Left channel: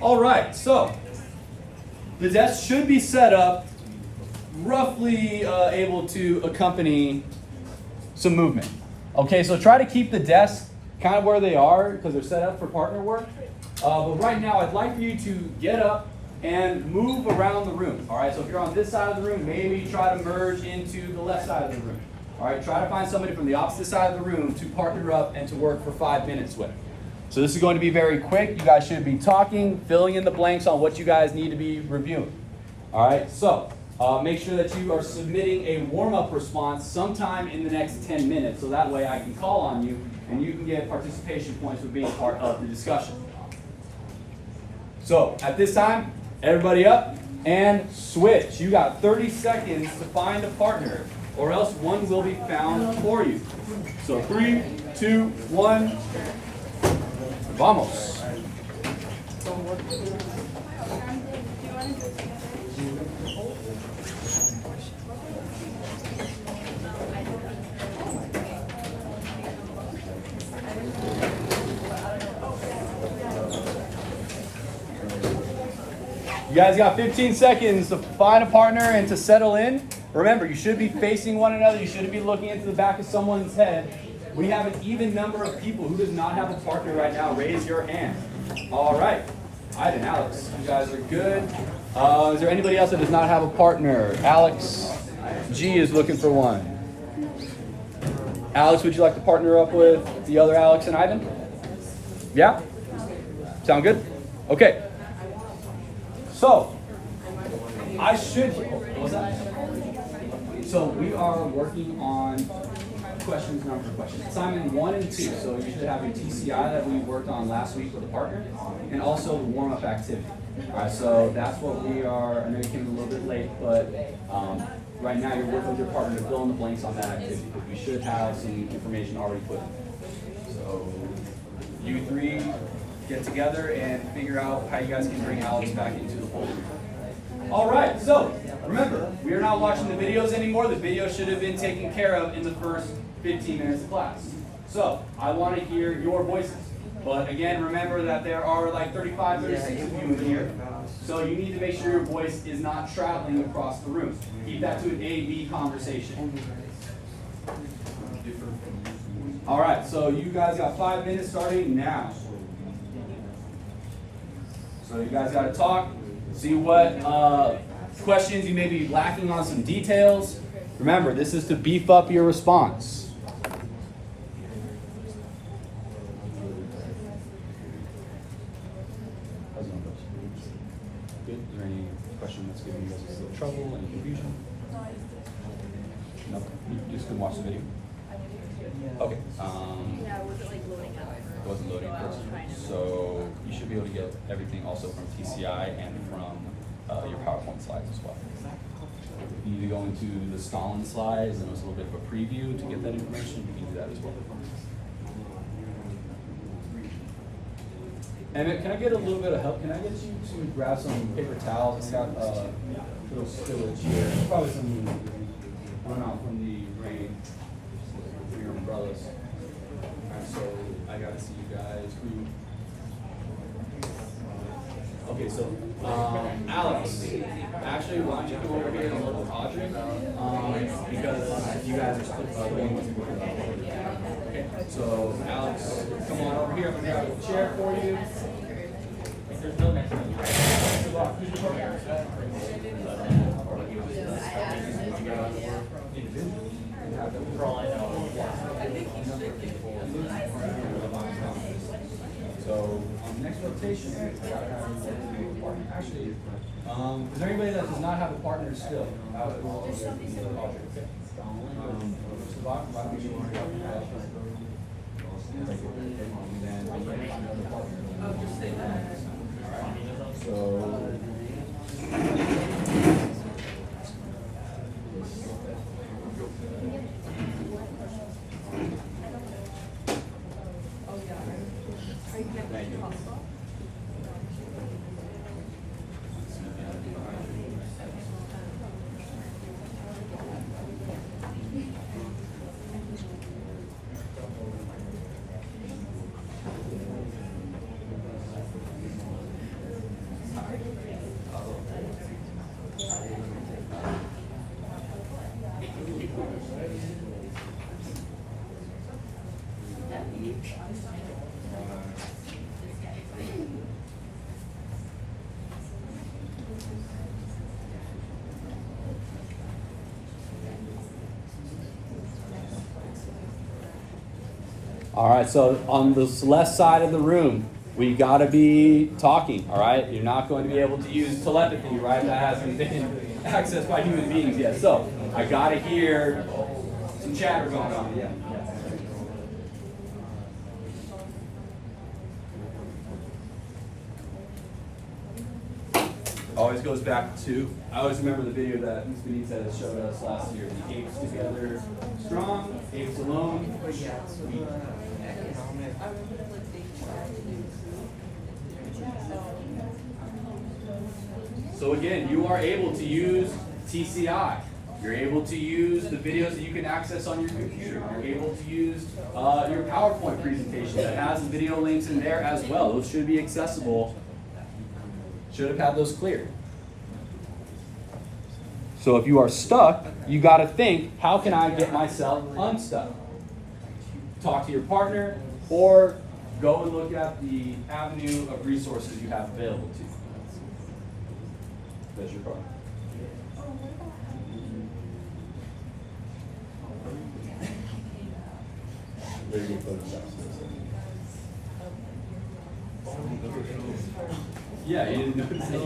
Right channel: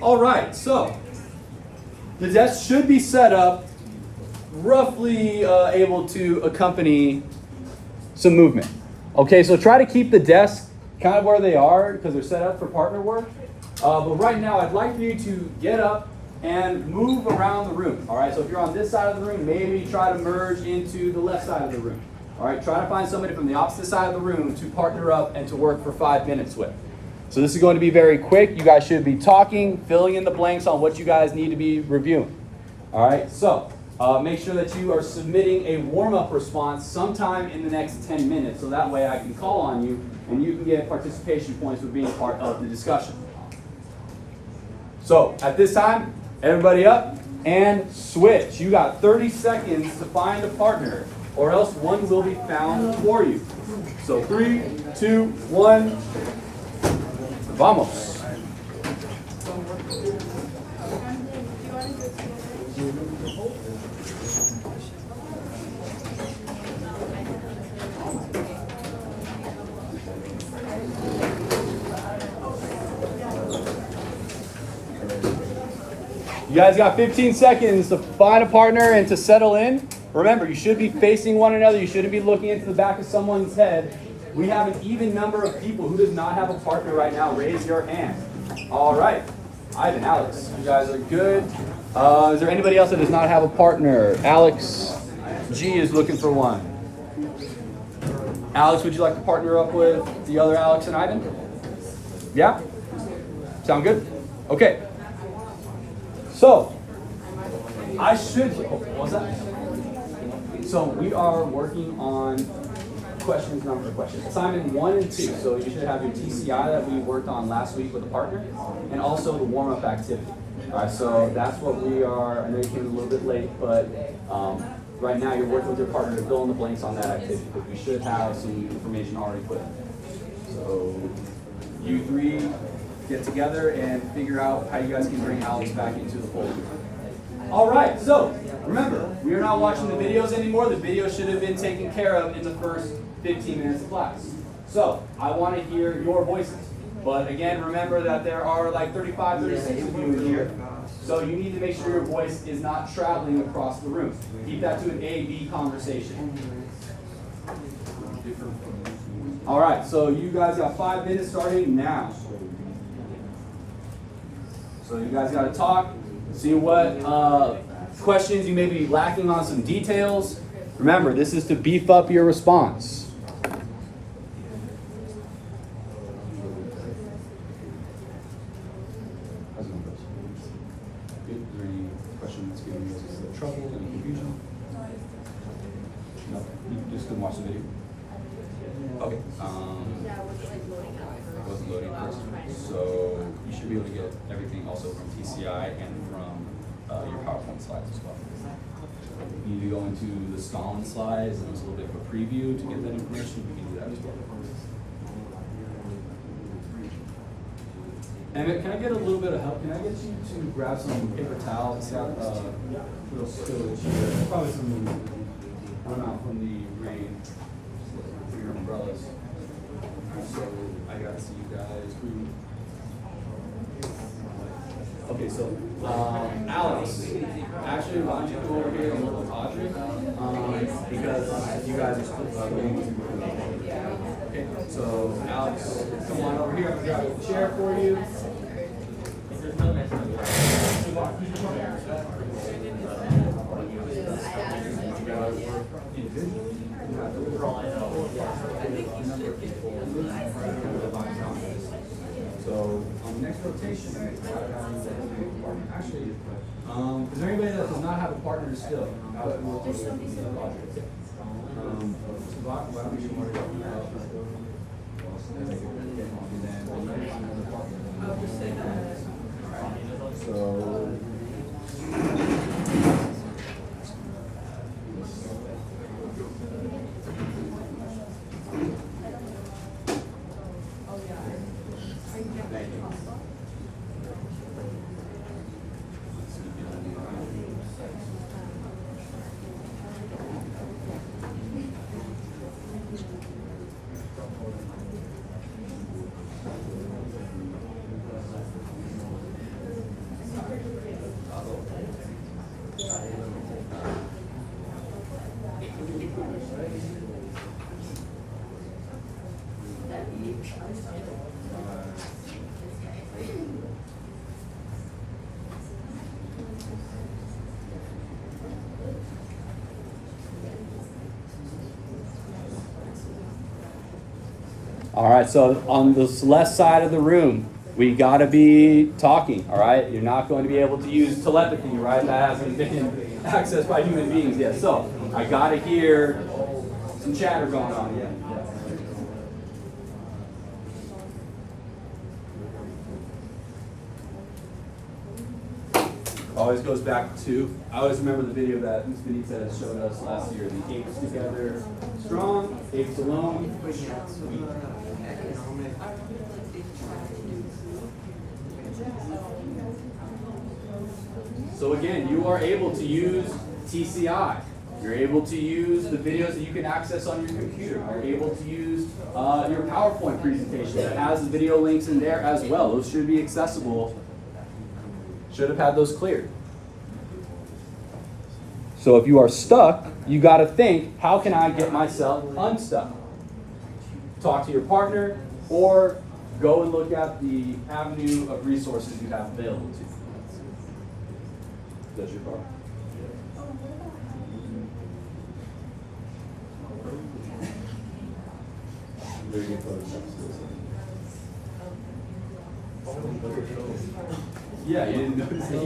All right, so the desk should be set up roughly able to accompany some movement. Okay, so try to keep the desk kind of where they are because they're set up for partner work. But right now, I'd like for you to get up and move around the room. All right, so if you're on this side of the room, maybe try to merge into the left side of the room. All right, try to find somebody from the opposite side of the room to partner up and to work for 5 minutes with. So this is going to be very quick. You guys should be talking, filling in the blanks on what you guys need to be reviewing. All right, so make sure that you are submitting a warm-up response sometime in the next 10 minutes, so that way I can call on you and you can get participation points for being part of the discussion. So at this time, everybody up and switch. You got 30 seconds to find a partner, or else one will be found for you. So 3, 2, 1. Vamos. You guys got 15 seconds to find a partner and to settle in. Remember, you should be facing one another. You shouldn't be looking into the back of someone's head. We have an even number of people who does not have a partner right now. Raise your hand. All right. Ivan, Alex, you guys are good. Is there anybody else that does not have a partner? Alex G is looking for one. Alex, would you like to partner up with the other Alex and Ivan? Yeah? Sound good? Okay. So, what was that? So we are working on assignment 1 and 2. So you should have your TCI that we worked on last week with a partner, and also the warm-up activity. All right, so that's what we are. I know you came in a little bit late, but right now you're working with your partner to fill in the blanks on that activity, because we should have some information already put in. So you three get together and figure out how you guys can bring Alex back into the fold. All right, so remember, we are not watching the videos anymore. The video should have been taken care of in the first 15 minutes of class. So I want to hear your voices. But again, remember that there are like 35, 36 of you in here. So you need to make sure your voice is not traveling across the room. Keep that to an A-B conversation. All right, so you guys got 5 minutes starting now. So you guys got to talk, see what questions you may be lacking on some details. Remember, this is to beef up your response. Trouble and confusion? No, you just couldn't watch the video. Okay. Yeah, was it like loading up? It wasn't loading first. So you should be able to get everything also from TCI and from your PowerPoint slides as well. You need to go into the Stalin slides, and it was a little bit of a preview to get that information. You can do that as well. And can I get a little bit of help? Can I get you to grab some paper towels? Got little spillage here. Probably some runoff from the rain for your umbrellas. All right, so I gotta see you guys. Okay, so Alex, actually, why don't you go over here and look at Audrey? Because you guys are still putting. Okay, so Alex, come on over here. I'll grab a chair for you. There's no next one. So on the next rotation, actually, is there anybody that does not have a partner still? Why don't we worry about So All right, so on this left side of the room, we got to be talking, all right? You're not going to be able to use telepathy, right? That hasn't been accessed by human beings yet. So I got to hear some chatter going on. Yeah. Always goes back to, I always remember the video that Ms. Benitez showed us last year. The apes together strong, apes alone weak. So again, you are able to use TCI. You're able to use the videos that you can access on your computer. You're able to use your PowerPoint presentation that has the video links in there as well. Those should be accessible. Should have had those cleared. So if you are stuck, you got to think, how can I get myself unstuck? Talk to your partner or go and look at the avenue of resources you have available to you. That's your problem. Very good photos. Yeah, you didn't notice it.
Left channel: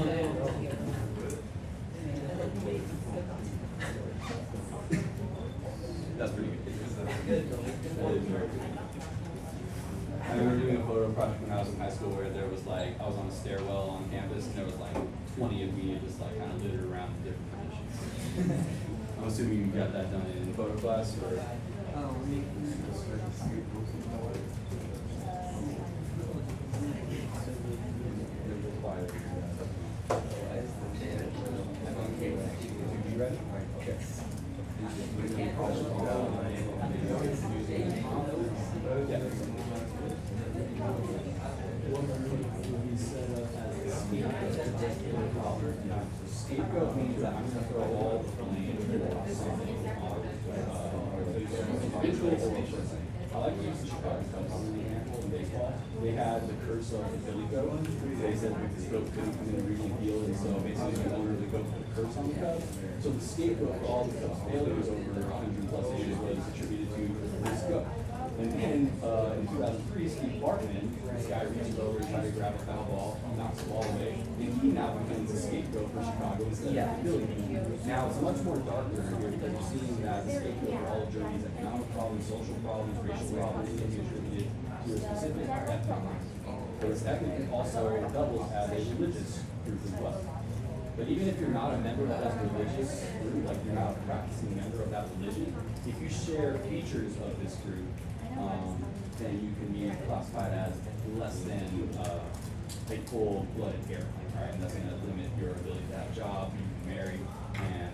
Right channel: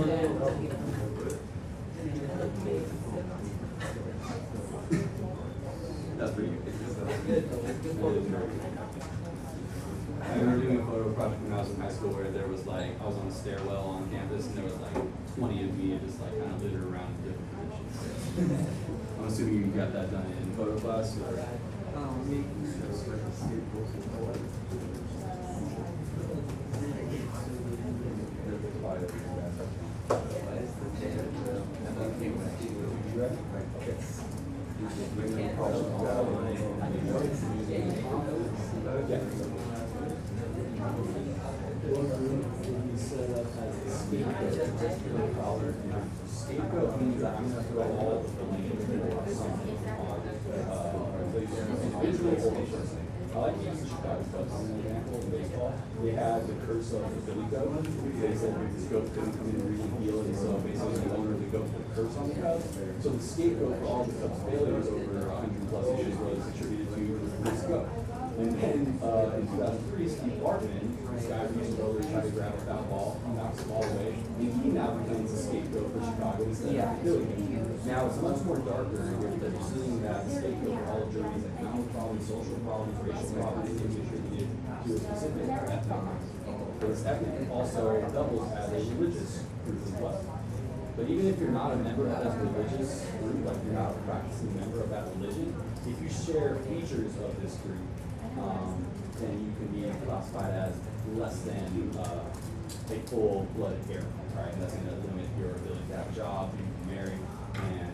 That's pretty good. I remember doing a photo project when I was in high school where there was like, I was on a stairwell on campus and there was like 20 of me just like kind of littered around in different positions. I'm assuming you got that done in photo class or? Scapegoat means that I'm going to throw all the blame on something on individual or person. I like to use the Chicago Cubs as an example in baseball. They had the curse of the Billy Goat. They said this goat couldn't come in and really heal it, so basically the owner of the goat put a curse on the Cubs. So the scapegoat for all the Cubs' failures over 100 plus years was attributed to this goat. And then in 2003, Steve Bartman, this guy reached over to try to grab a foul ball, knocks the ball away, and he now becomes a scapegoat for Chicago instead of Billy. Now it's much more darker here because you're seeing that the scapegoat for all of Germany's economic problems, social problems, racial problems can be attributed to a specific ethnic group. But this ethnic also doubles as a religious group as well. But even if you're not a member of that religious group, like you're not a practicing member of that religion, if you share features of this group, then you can be classified as less than a full-blooded Arab, right? And that's going to limit your ability to have a job, you can marry, and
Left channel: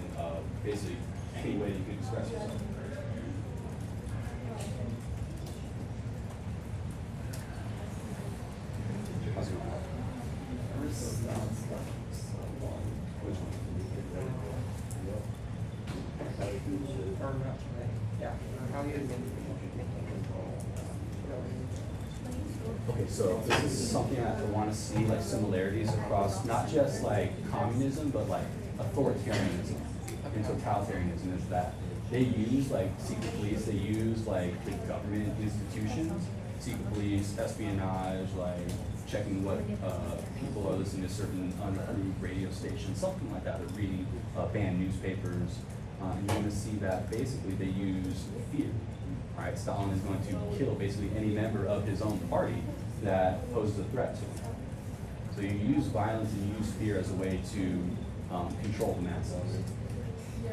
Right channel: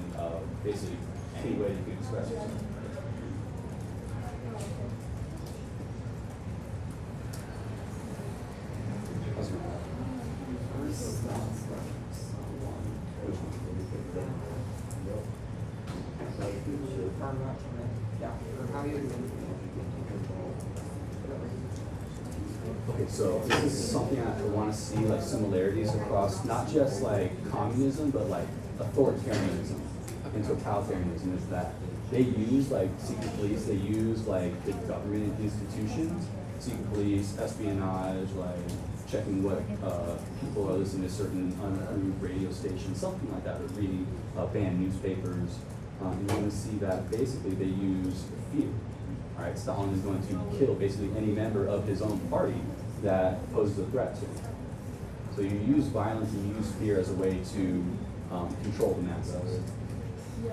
basically any way you can express yourself. How's it going? Okay, so this is something I want to see, like similarities across not just like communism, but like authoritarianism and totalitarianism. Is that they use like secret police, they use like big government institutions, secret police, espionage, like checking what people are listening to certain unapproved radio stations, something like that, or reading banned newspapers. And you're going to see that basically they use fear. All right, Stalin is going to kill basically any member of his own party that poses a threat to him. So you use violence and you use fear as a way to control the masses. Yeah.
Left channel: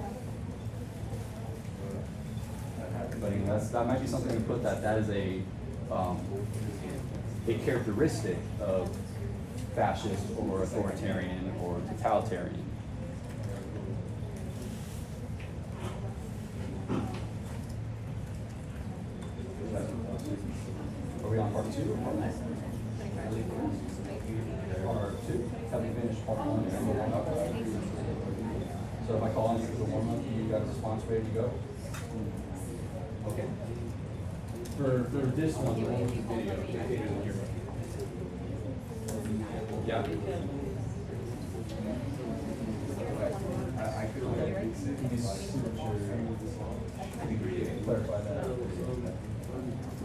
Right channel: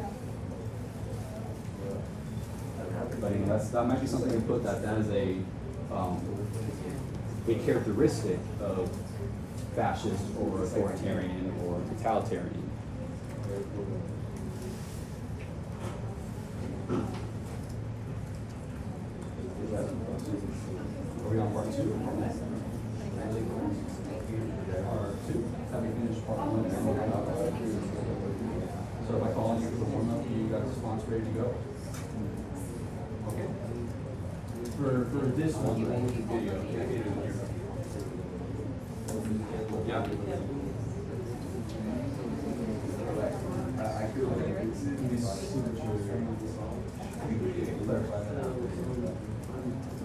But I mean, that might be something to put that is a characteristic of fascist or authoritarian or totalitarian. Are we on part 2 or part 1? Part 2. Have you finished part 1? So if I call on you for 1 month, you got the response ready to go? Okay. for this one, the one with the video. Yeah.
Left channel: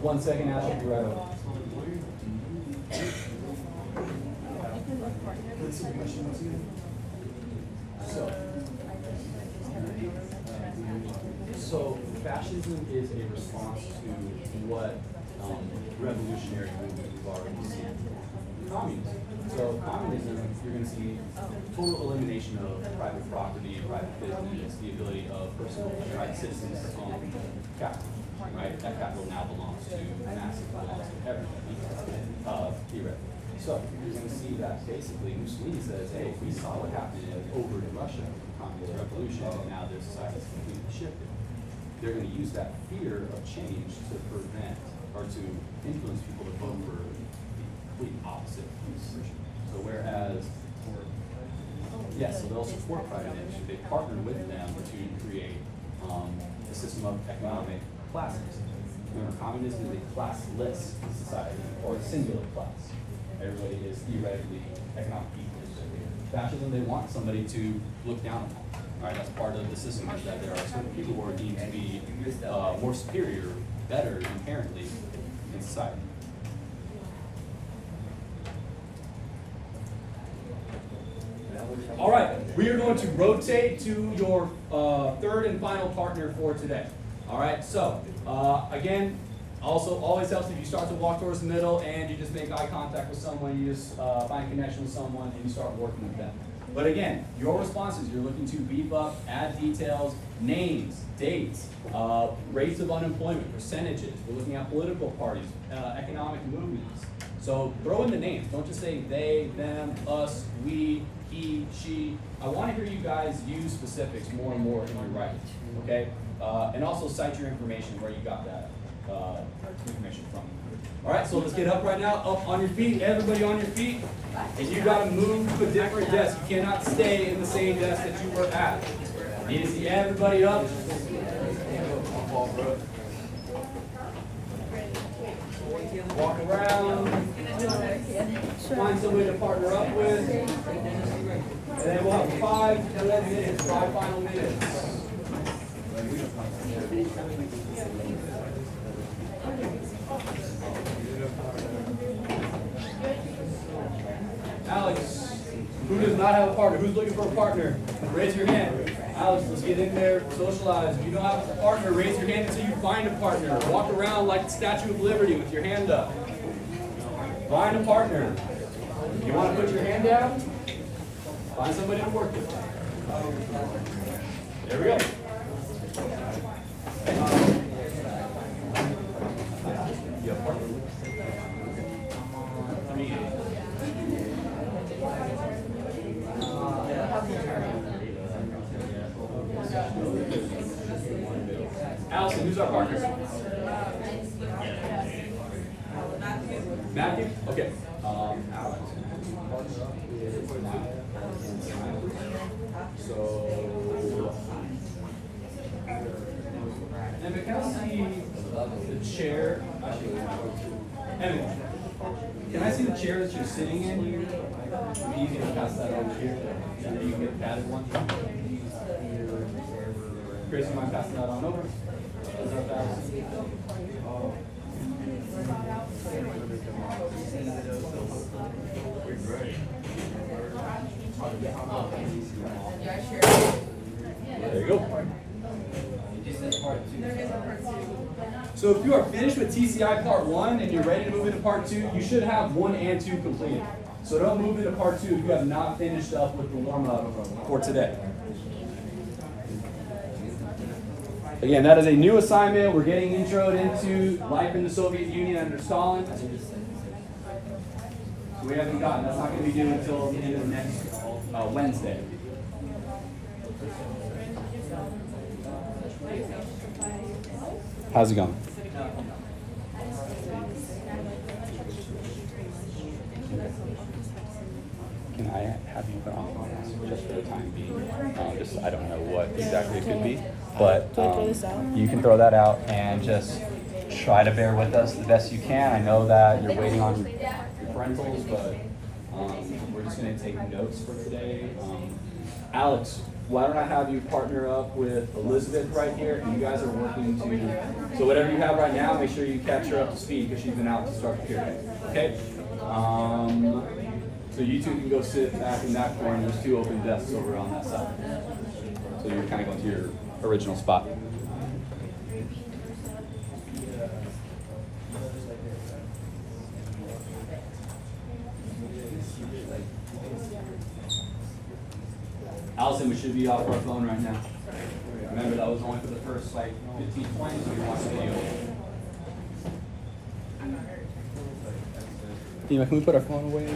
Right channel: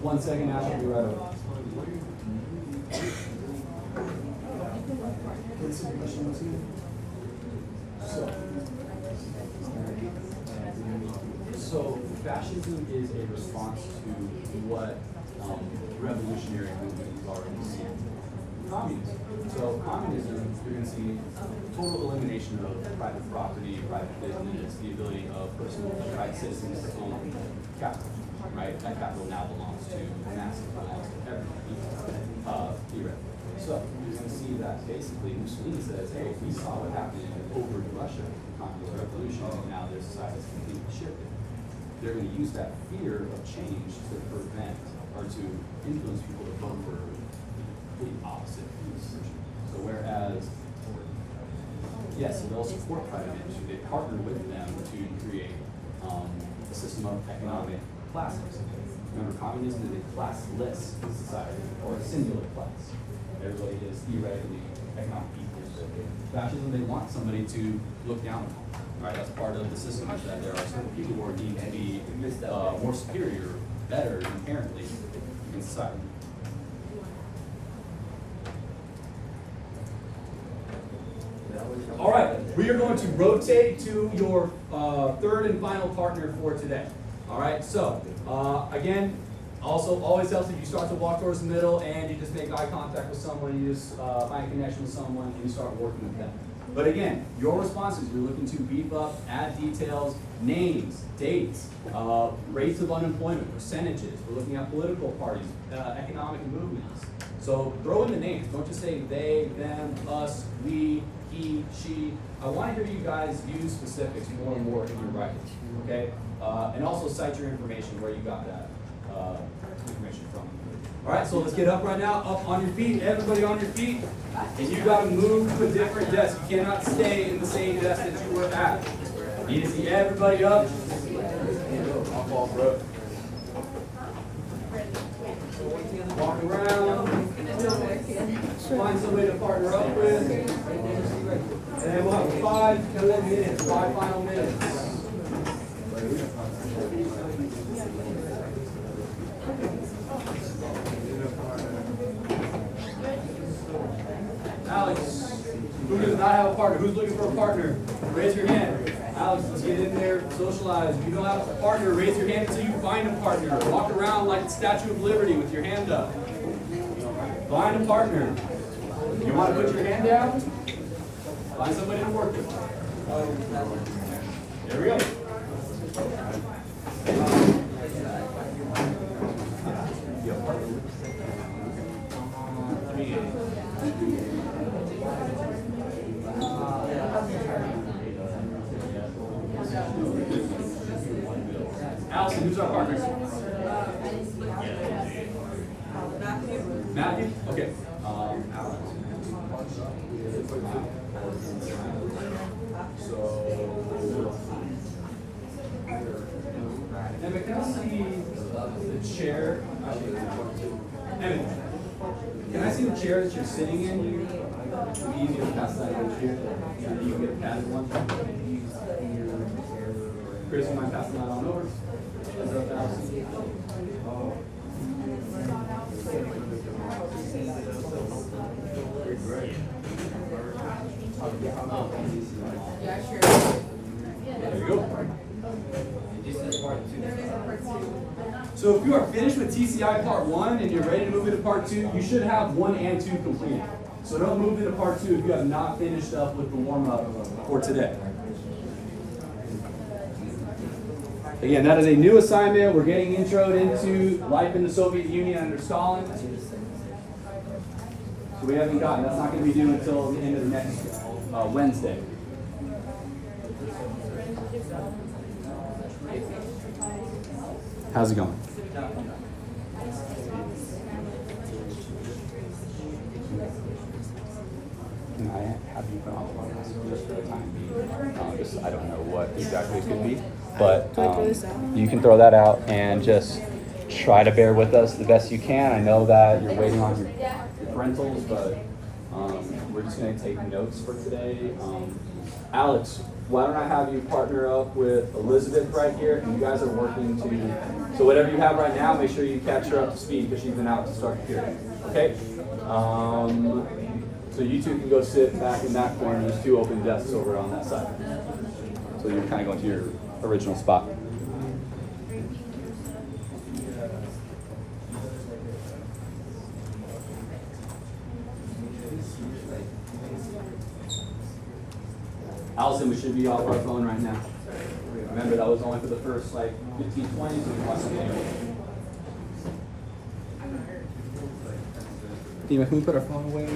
One second, Ash, will be right over. So fascism is a response to what revolutionary movement we've already seen. Communism. So communism, you're going to see total elimination of private property, private business, the ability of personal private citizens to own capital. Right? That capital now belongs to masses, belongs to everybody. Theoretically. So you're going to see that basically Mussolini says, hey, we saw what happened over in Russia, the communist revolution, and now their society is completely shifted. They're going to use that fear of change to prevent or to influence people to vote for the opposite views. So whereas, yes, so they'll support private industry, they partner with them to create a system of economic classes. Remember, communism is a classless society, or a singular class. Everybody is theoretically economic equals. Fascism, they want somebody to look down on. Right? That's part of the system, is that there are some people who are deemed to be more superior, better inherently in society. All right, we are going to rotate to your third and final partner for today. All right, so again, also always helps if you start to walk towards the middle and you just make eye contact with someone, you just find a connection with someone, and you start working with them. But again, your responses, you're looking to beef up, add details, names, dates, rates of unemployment, percentages. We're looking at political parties, economic movements. So throw in the names. Don't just say they, them, us, we, he, she. I want to hear you guys use specifics more and more in your writing, okay? And also cite your information, where you got that information from. All right, so let's get up right now. Up on your feet, everybody on your feet. And you got to move to a different desk. You cannot stay in the same desk that you were at. Need to see everybody up. Walk around. Find somebody to partner up with. And then we'll have 5 more minutes, 5 final minutes. Alex, who does not have a partner? Who's looking for a partner? Raise your hand. Alex, let's get in there, socialize. If you don't have a partner, raise your hand until you find a partner. Walk around like the Statue of Liberty with your hand up. Find a partner. You want to put your hand down? Find somebody to work with. There we go. Allison, who's our partner? Matthew? Okay. Alex. So, Emma, can I see the chair? Emma, can I see the chair that you're sitting in? It'd be easy to pass that over here. And then you can get patted one. Grace, you mind passing that on over? Is that Allison? Yeah, sure. There you go. So if you are finished with TCI Part 1 and you're ready to move into Part 2, you should have 1 and 2 completed. So don't move into Part 2 if you have not finished up with the warm-up for today. Again, that is a new assignment. We're getting introed into life in the Soviet Union under Stalin. So we haven't gotten, that's not going to be due until the end of next Wednesday. How's it going? Can I have you put off on this just for the time being? Just, I don't know what exactly it could be, but you can throw that out and just try to bear with us the best you can. I know that you're waiting on your parentals, but we're just going to take notes for today. Alex, why don't I have you partner up with Elizabeth right here? You guys are working to, so whatever you have right now, make sure you catch her up to speed because she's been out to start the period. Okay? So you two can go sit back in that corner. There's 2 open desks over on that side. So you're kind of going to your original spot. Allison, we should be off our phone right now. Remember, that was only for the first 15, 20, so we watch the video. Can we put our phone away?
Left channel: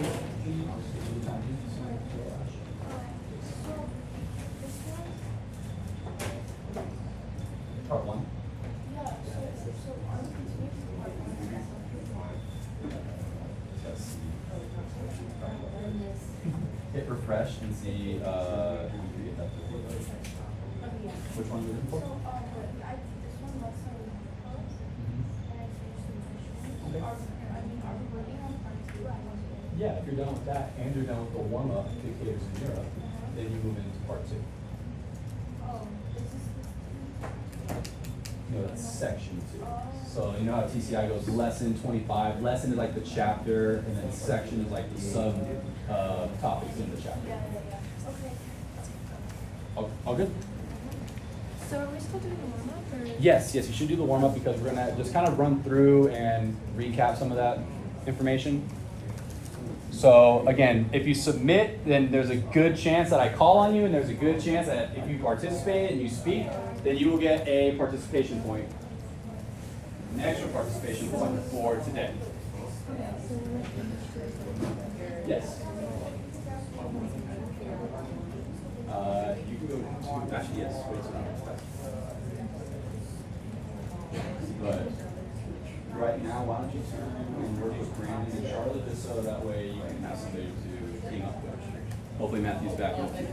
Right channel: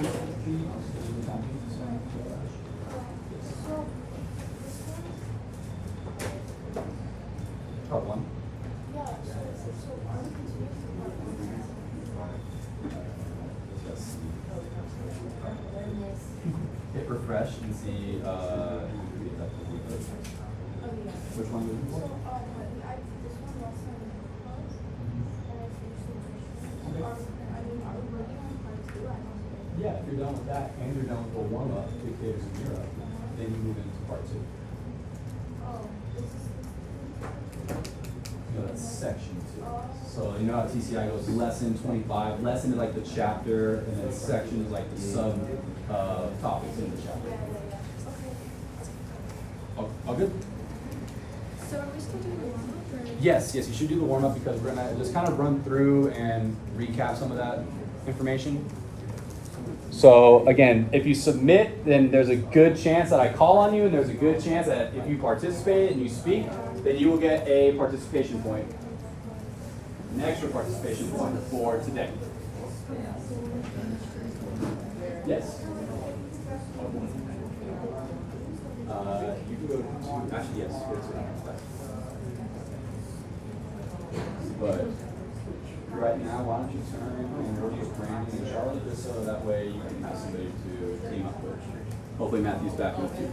Part 1. Hit refresh and see which one you're looking for. Yeah, if you're done with that and you're done with the warm-up indicators in Europe, then you move into part 2. No, that's section 2. So you know how TCI goes lesson 25. Lesson is like the chapter, and then section is like the sub topics in the chapter. All good? So are we still doing the warm-up? Yes, you should do the warm-up because we're gonna just kind of run through and recap some of that information. So again, if you submit, then there's a good chance that I call on you, and there's a good chance that if you participate and you speak, then you will get a participation point, an extra participation point for today. Yes. You can go to, actually yes, go to the next slide. But right now, why don't you turn and work with Brandon and Charlotte, just so that way you can have somebody to team up with. Hopefully Matthew's back up too.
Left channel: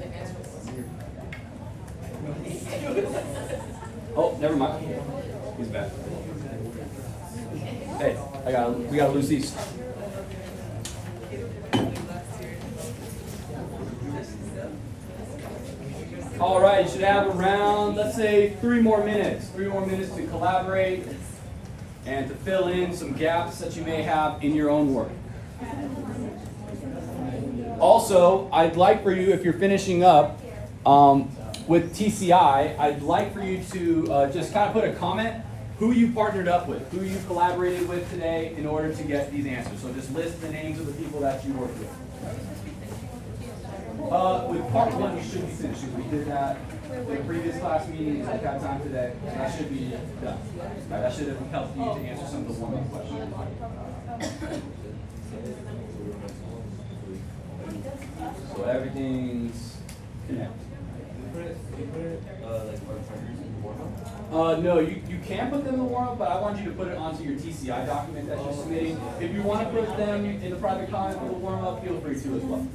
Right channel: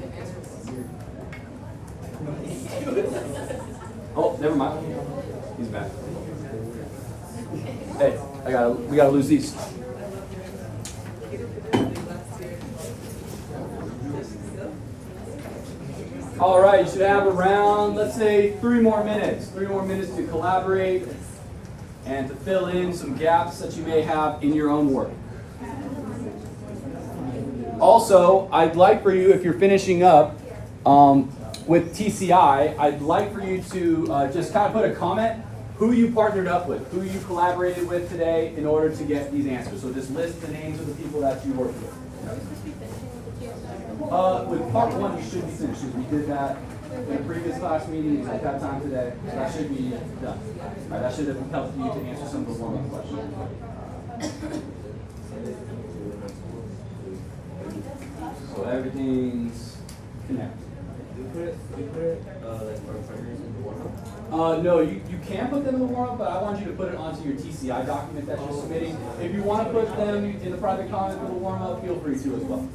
Oh, never mind. He's back. Hey, we gotta lose these. All right, you should have around, let's say, 3 more minutes. 3 more minutes to collaborate and to fill in some gaps that you may have in your own work. Also, I'd like for you, if you're finishing up with TCI, I'd like for you to just kind of put a comment who you partnered up with, who you collaborated with today in order to get these answers. So just list the names of the people that you worked with. With part 1, you should be finished. We did that in the previous class meeting. We've had time today. So that should be done. All right, that should have helped you to answer some of those warm-up questions. So everything's connected. No, you can put them in the warm-up, but I want you to put it onto your TCI document that you're submitting. If you want to put them in the private comment for the warm-up, feel free to as well.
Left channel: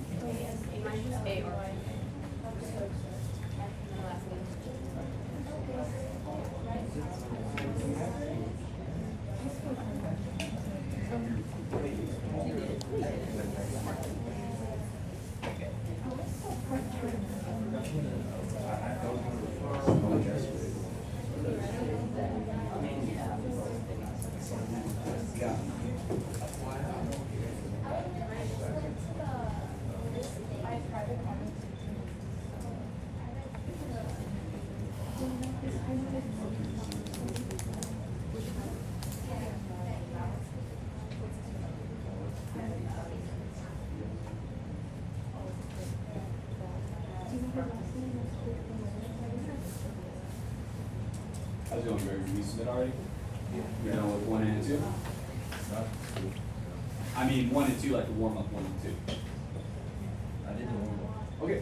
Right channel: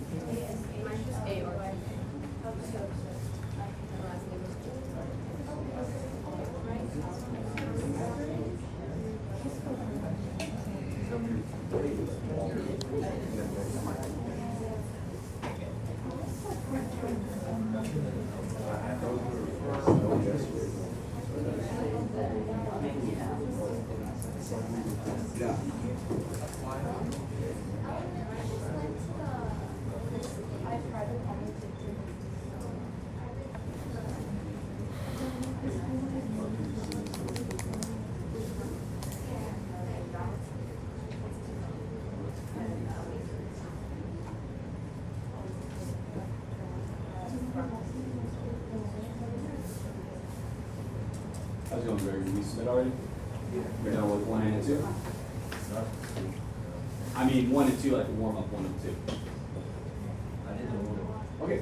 How's it going, Barry? Did we submit already? You're done with 1 and 2? I mean 1 and 2, like the warm-up 1 and 2. I did the warm-up. Okay.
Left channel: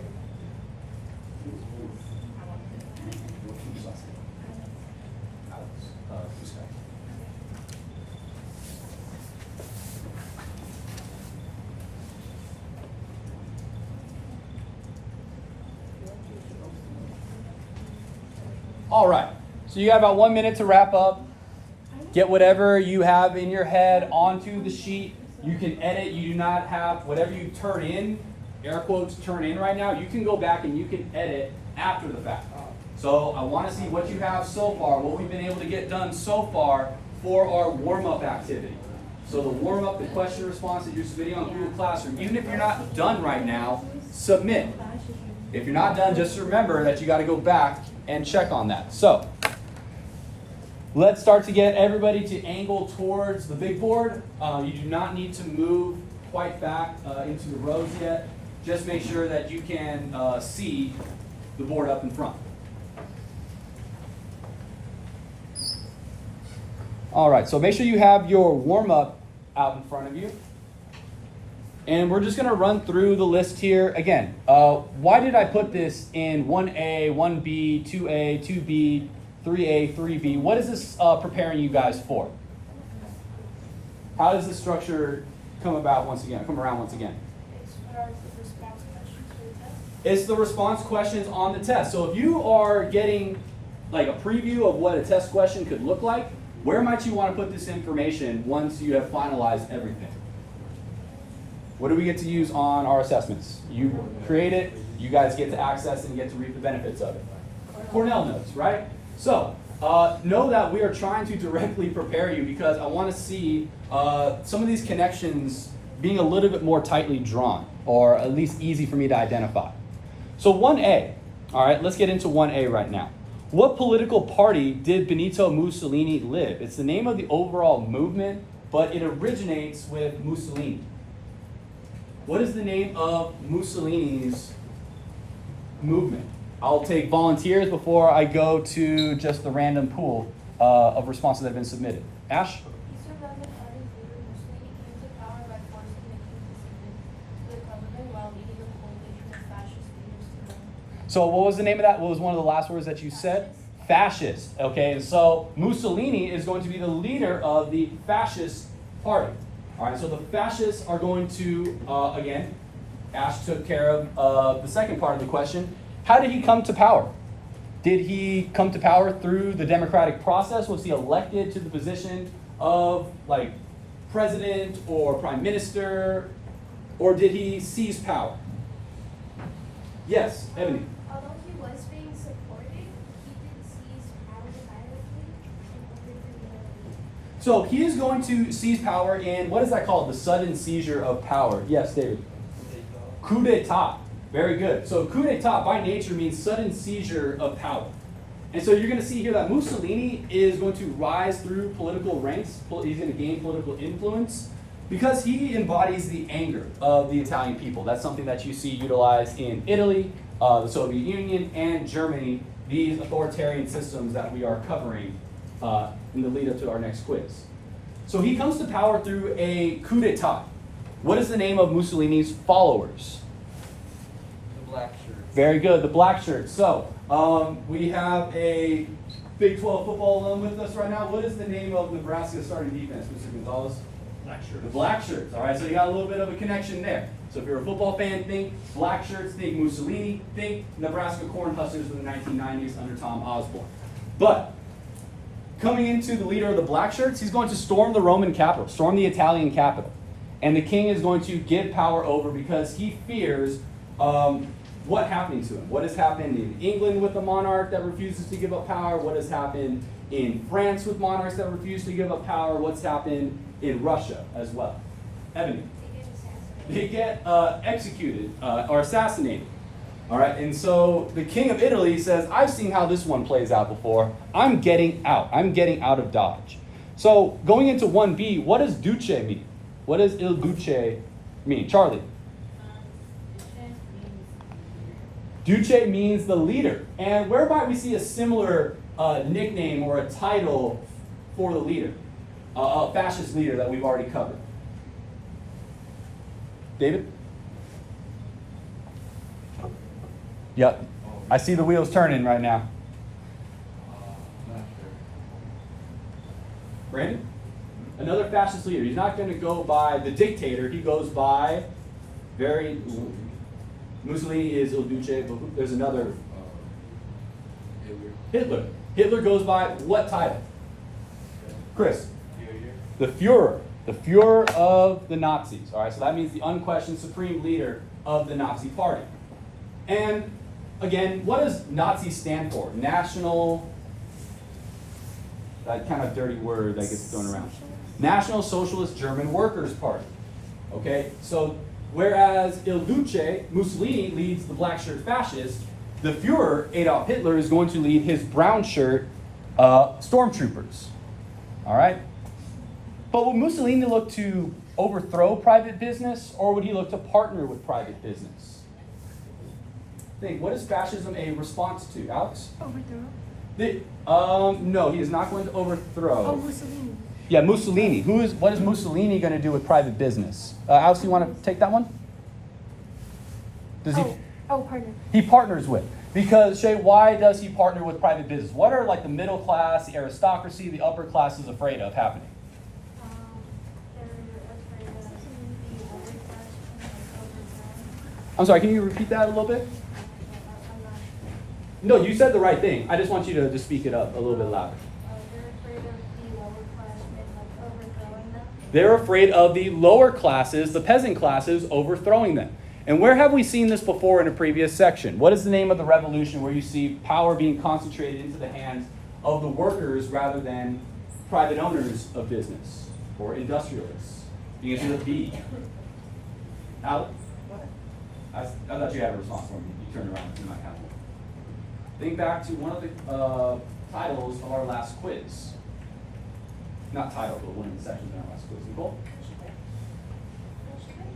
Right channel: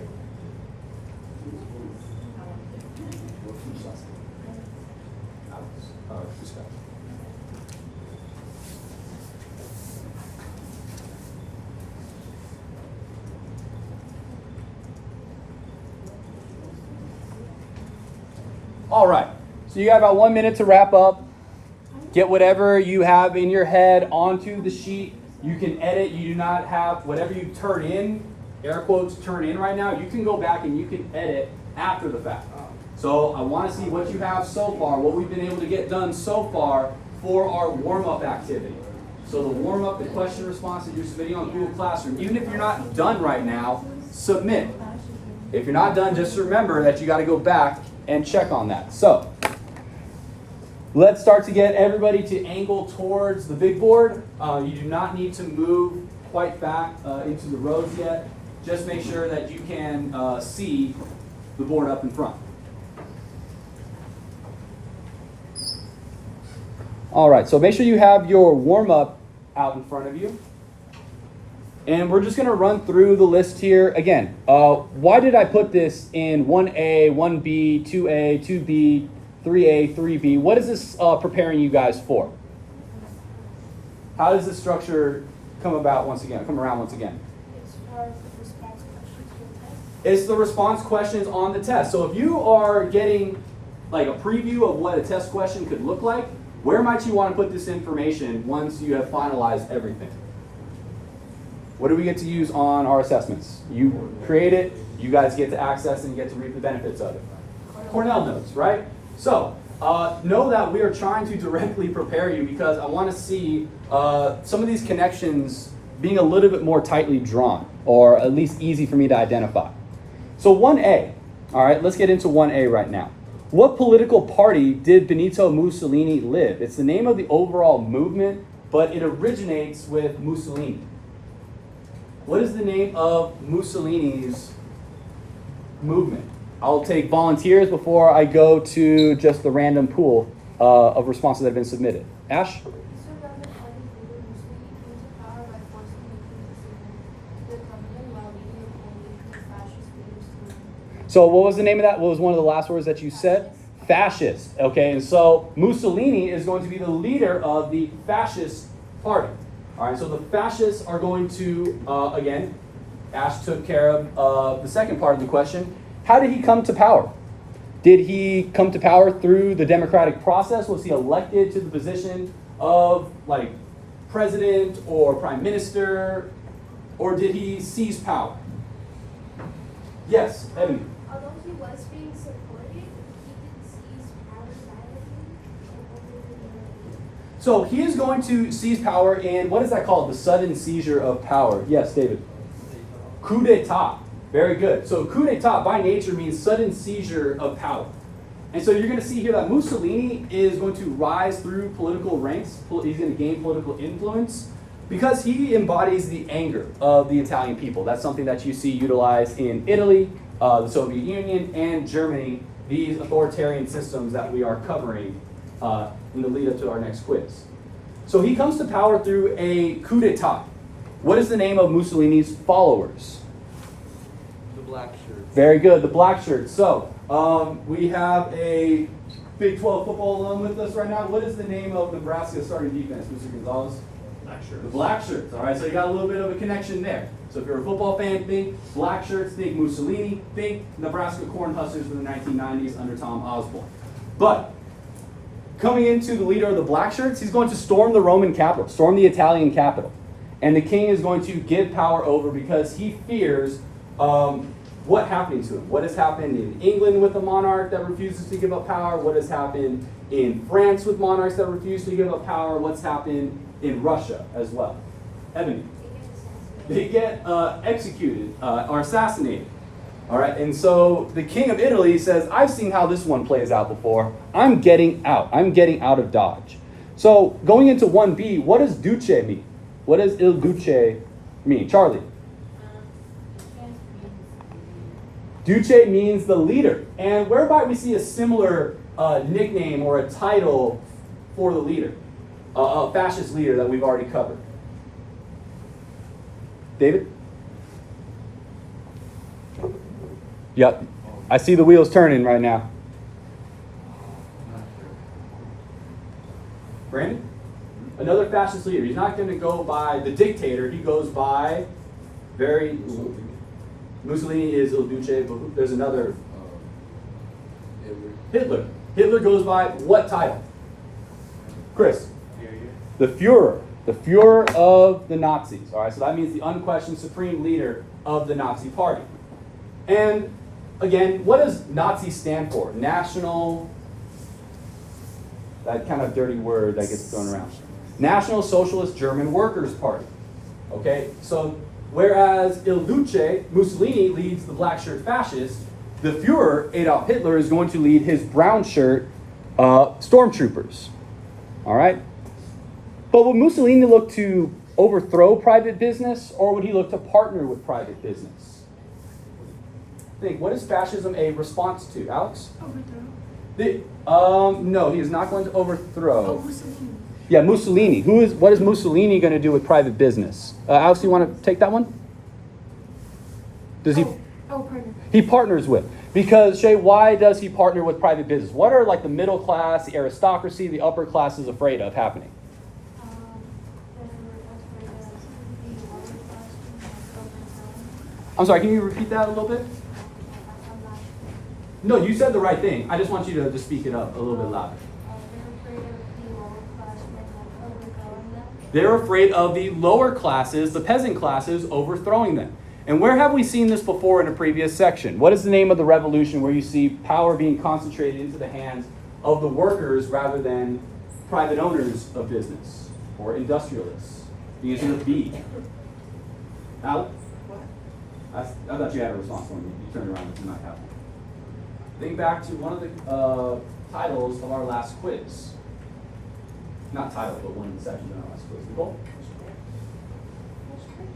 All right. So you got about 1 minute to wrap up. Get whatever you have in your head onto the sheet. You can edit. You do not have whatever you turn in, air quotes, turn in right now. You can go back and you can edit after the fact. So I want to see what you have so far, what we've been able to get done so far for our warm-up activity. So the warm-up, the question response that you're submitting on Google Classroom, even if you're not done right now, submit. If you're not done, just remember that you got to go back and check on that. So let's start to get everybody to angle towards the big board. You do not need to move quite back into the rows yet. Just make sure that you can see the board up in front. All right, so make sure you have your warm-up out in front of you. And we're just gonna run through the list here. Again, why did I put this in 1A, 1B, 2A, 2B, 3A, 3B? What is this preparing you guys for? How does this structure come around once again? It's the response questions on the test. So if you are getting like a preview of what a test question could look like, where might you want to put this information once you have finalized everything? What do we get to use on our assessments? You create it, you guys get to access and get to reap the benefits of it. Cornell notes, right? So know that we are trying to directly prepare you because I want to see some of these connections being a little bit more tightly drawn, or at least easy for me to identify. So 1A, all right, let's get into 1A right now. What political party did Benito Mussolini live? It's the name of the overall movement, but it originates with Mussolini. What is the name of Mussolini's movement? I'll take volunteers before I go to just the random pool of responses that have been submitted. Ash? So what was the name of that? What was one of the last words that you said? Fascist. Okay, and so Mussolini is going to be the leader of the fascist party. All right, so the fascists are going to, again, Ash took care of the second part of the question. How did he come to power? Did he come to power through the democratic process? Was he elected to the position of like president or prime minister? Or did he seize power? Yes, Ebony. Although he was being supported, he didn't seize power directly. So he is going to seize power in, what is that called? The sudden seizure of power. Yes, David. Coup d'etat. Very good. So coup d'etat by nature means sudden seizure of power. And so you're going to see here that Mussolini is going to rise through political ranks. He's going to gain political influence because he embodies the anger of the Italian people. That's something that you see utilized in Italy, the Soviet Union, and Germany, these authoritarian systems that we are covering in the lead up to our next quiz. So he comes to power through a coup d'etat. What is the name of Mussolini's followers? The black shirts. Very good, the black shirts. So we have a Big 12 football alum with us right now. What is the name of Nebraska's starting defense, Mr. Gonzalez? Black shirts. The black shirts. All right, so you got a little bit of a connection there. So if you're a football fan, think black shirts, think Mussolini, think Nebraska Cornhuskers for the 1990s under Tom Osborne. But coming into the leader of the black shirts, he's going to storm the Roman capital, storm the Italian capital. And the king is going to give power over because he fears what happening to him. What has happened in England with a monarch that refuses to give up power? What has happened in France with monarchs that refuse to give up power? What's happened in Russia as well? Ebony. They get executed or assassinated. All right, and so the king of Italy says, I've seen how this one plays out before. I'm getting out. I'm getting out of Dodge. So going into 1B, what does duce mean? What does il duce mean? Charlie. Duce means the leader. And whereby we see a similar nickname or a title for the leader, a fascist leader that we've already covered. David? Yeah, I see the wheels turning right now. Not sure. Brandon? Another fascist leader. He's not going to go by the dictator. He goes by Mussolini is Il Duce, but there's another. Hitler. Hitler. Hitler goes by what title? Chris. The Führer of the Nazis. All right, so that means the unquestioned supreme leader of the Nazi Party. And again, what does Nazi stand for? National, that kind of dirty word that gets thrown around. National Socialist German Workers' Party. Okay, so whereas Il Duce, Mussolini, leads the black shirt fascists, the Führer, Adolf Hitler, is going to lead his brown shirt stormtroopers. All right? But would Mussolini look to overthrow private business, or would he look to partner with private business? Think, what is fascism a response to, Alex? Overthrow. No, he is not going to overthrow. Oh, Mussolini. Yeah, Mussolini. What is Mussolini going to do with private business? Alex, you want to take that one? Does he? Partner. He partners with. Because, Shay, why does he partner with private business? What are like the middle class, the aristocracy, the upper classes afraid of happening? I'm sorry, can you repeat that a little bit? No, you said the right thing. I just want you to just speak it up a little bit louder. They're afraid of the lower classes, the peasant classes, overthrowing them. And where have we seen this before in a previous section? What is the name of the revolution where you see power being concentrated into the hands of the workers rather than private owners of business or industrialists? The answer is B. Alex? I thought you had a response when you turned around and you might have one. Think back to one of the titles of our last quiz. Not title, but one of the sections in our last quiz. Nicole?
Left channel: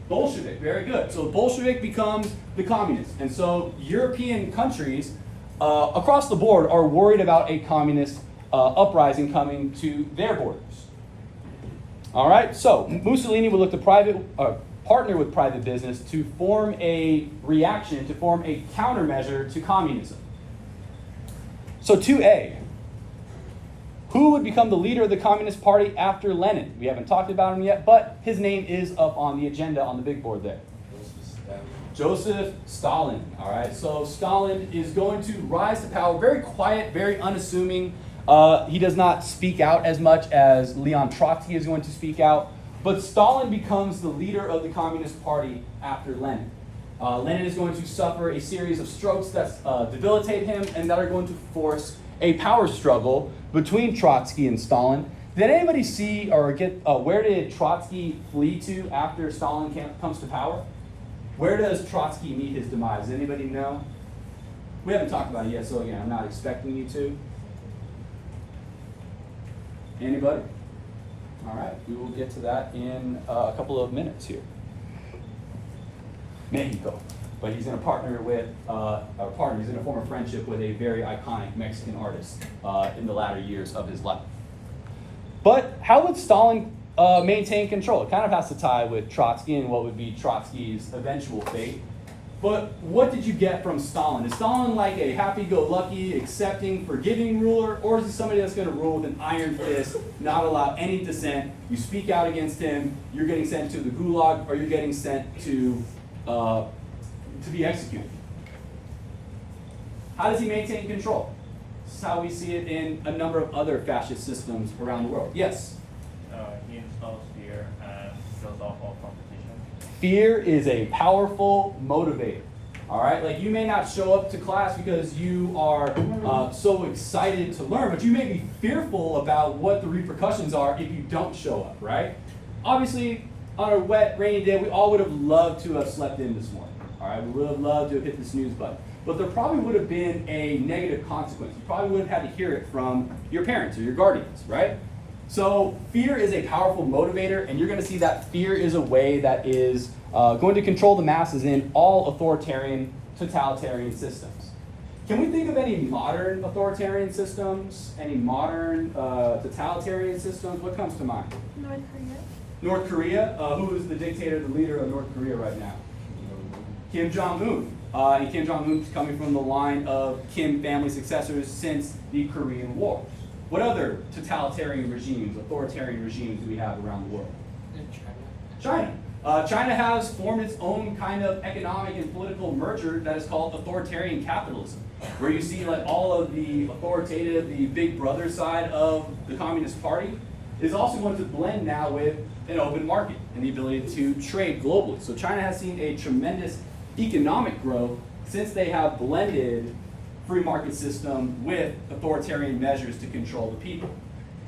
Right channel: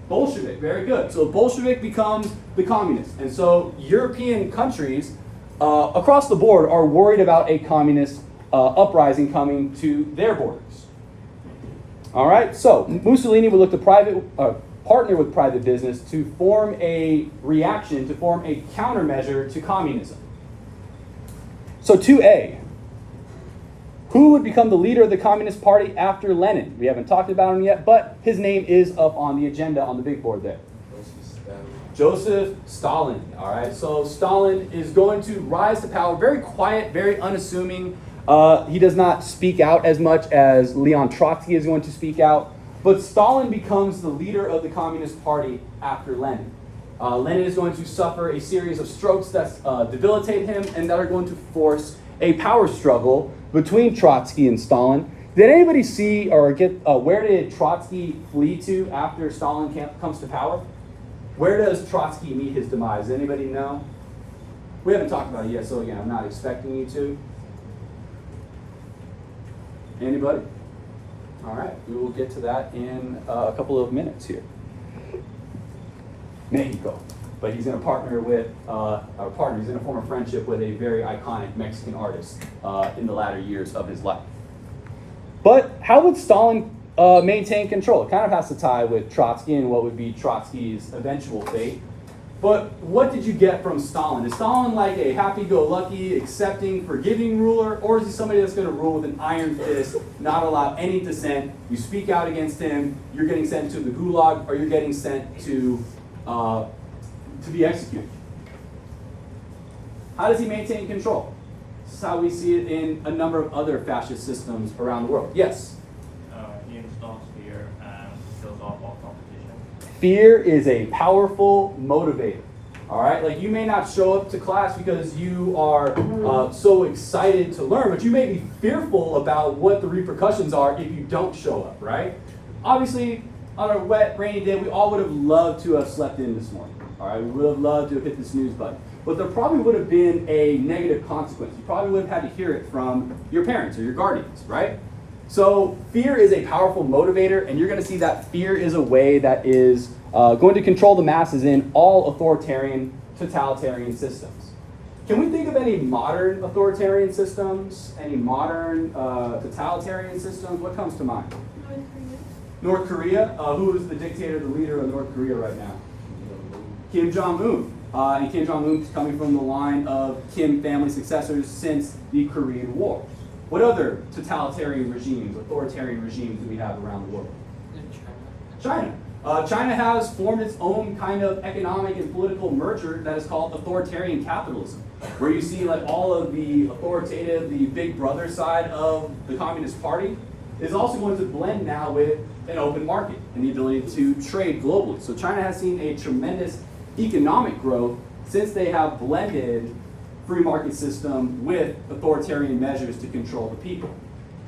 Bolshevik, very good. So Bolshevik becomes the communist. And so European countries across the board are worried about a communist uprising coming to their borders. All right, so Mussolini would look to partner with private business to form a reaction, to form a countermeasure to communism. So 2A, who would become the leader of the Communist Party after Lenin? We haven't talked about him yet, but his name is up on the agenda on the big board there. Joseph Stalin. All right, so Stalin is going to rise to power, very quiet, very unassuming. He does not speak out as much as Leon Trotsky is going to speak out. But Stalin becomes the leader of the Communist Party after Lenin. Lenin is going to suffer a series of strokes that debilitate him and that are going to force a power struggle between Trotsky and Stalin. Did anybody see or get where did Trotsky flee to after Stalin comes to power? Where does Trotsky meet his demise? Does anybody know? We haven't talked about it yet, so again, I'm not expecting you to. Anybody? All right, we will get to that in a couple of minutes here. Mexico. But he's going to partner with, he's going to form a friendship with a very iconic Mexican artist in the latter years of his life. But how would Stalin maintain control? It kind of has to tie with Trotsky and what would be Trotsky's eventual fate. But what did you get from Stalin? Is Stalin like a happy-go-lucky, accepting, forgiving ruler? Or is he somebody that's going to rule with an iron fist, not allow any dissent? You speak out against him, you're getting sent to the gulag, or you're getting sent to be executed. How does he maintain control? This is how we see it in a number of other fascist systems around the world. Yes? He installs fear and kills off all competition. Fear is a powerful motivator. All right? Like, you may not show up to class because you are so excited to learn, but you may be fearful about what the repercussions are if you don't show up, right? Obviously, on a wet, rainy day, we all would have loved to have slept in this morning. All right, we would have loved to have hit the snooze button. But there probably would have been a negative consequence. You probably would have had to hear it from your parents or your guardians, right? So fear is a powerful motivator, and you're going to see that fear is a way that is going to control the masses in all authoritarian, totalitarian systems. Can we think of any modern authoritarian systems, any modern totalitarian systems? What comes to mind? North Korea. North Korea. Who is the dictator, the leader of North Korea right now? Kim Jong-un. And Kim Jong-un is coming from the line of Kim family successors since the Korean War. What other totalitarian regimes, authoritarian regimes do we have around the world? China. China has formed its own kind of economic and political merger that is called authoritarian capitalism, where you see like all of the authoritative, the big brother side of the Communist Party is also going to blend now with an open market and the ability to trade globally. So China has seen a tremendous economic growth since they have blended free market system with authoritarian measures to control the people.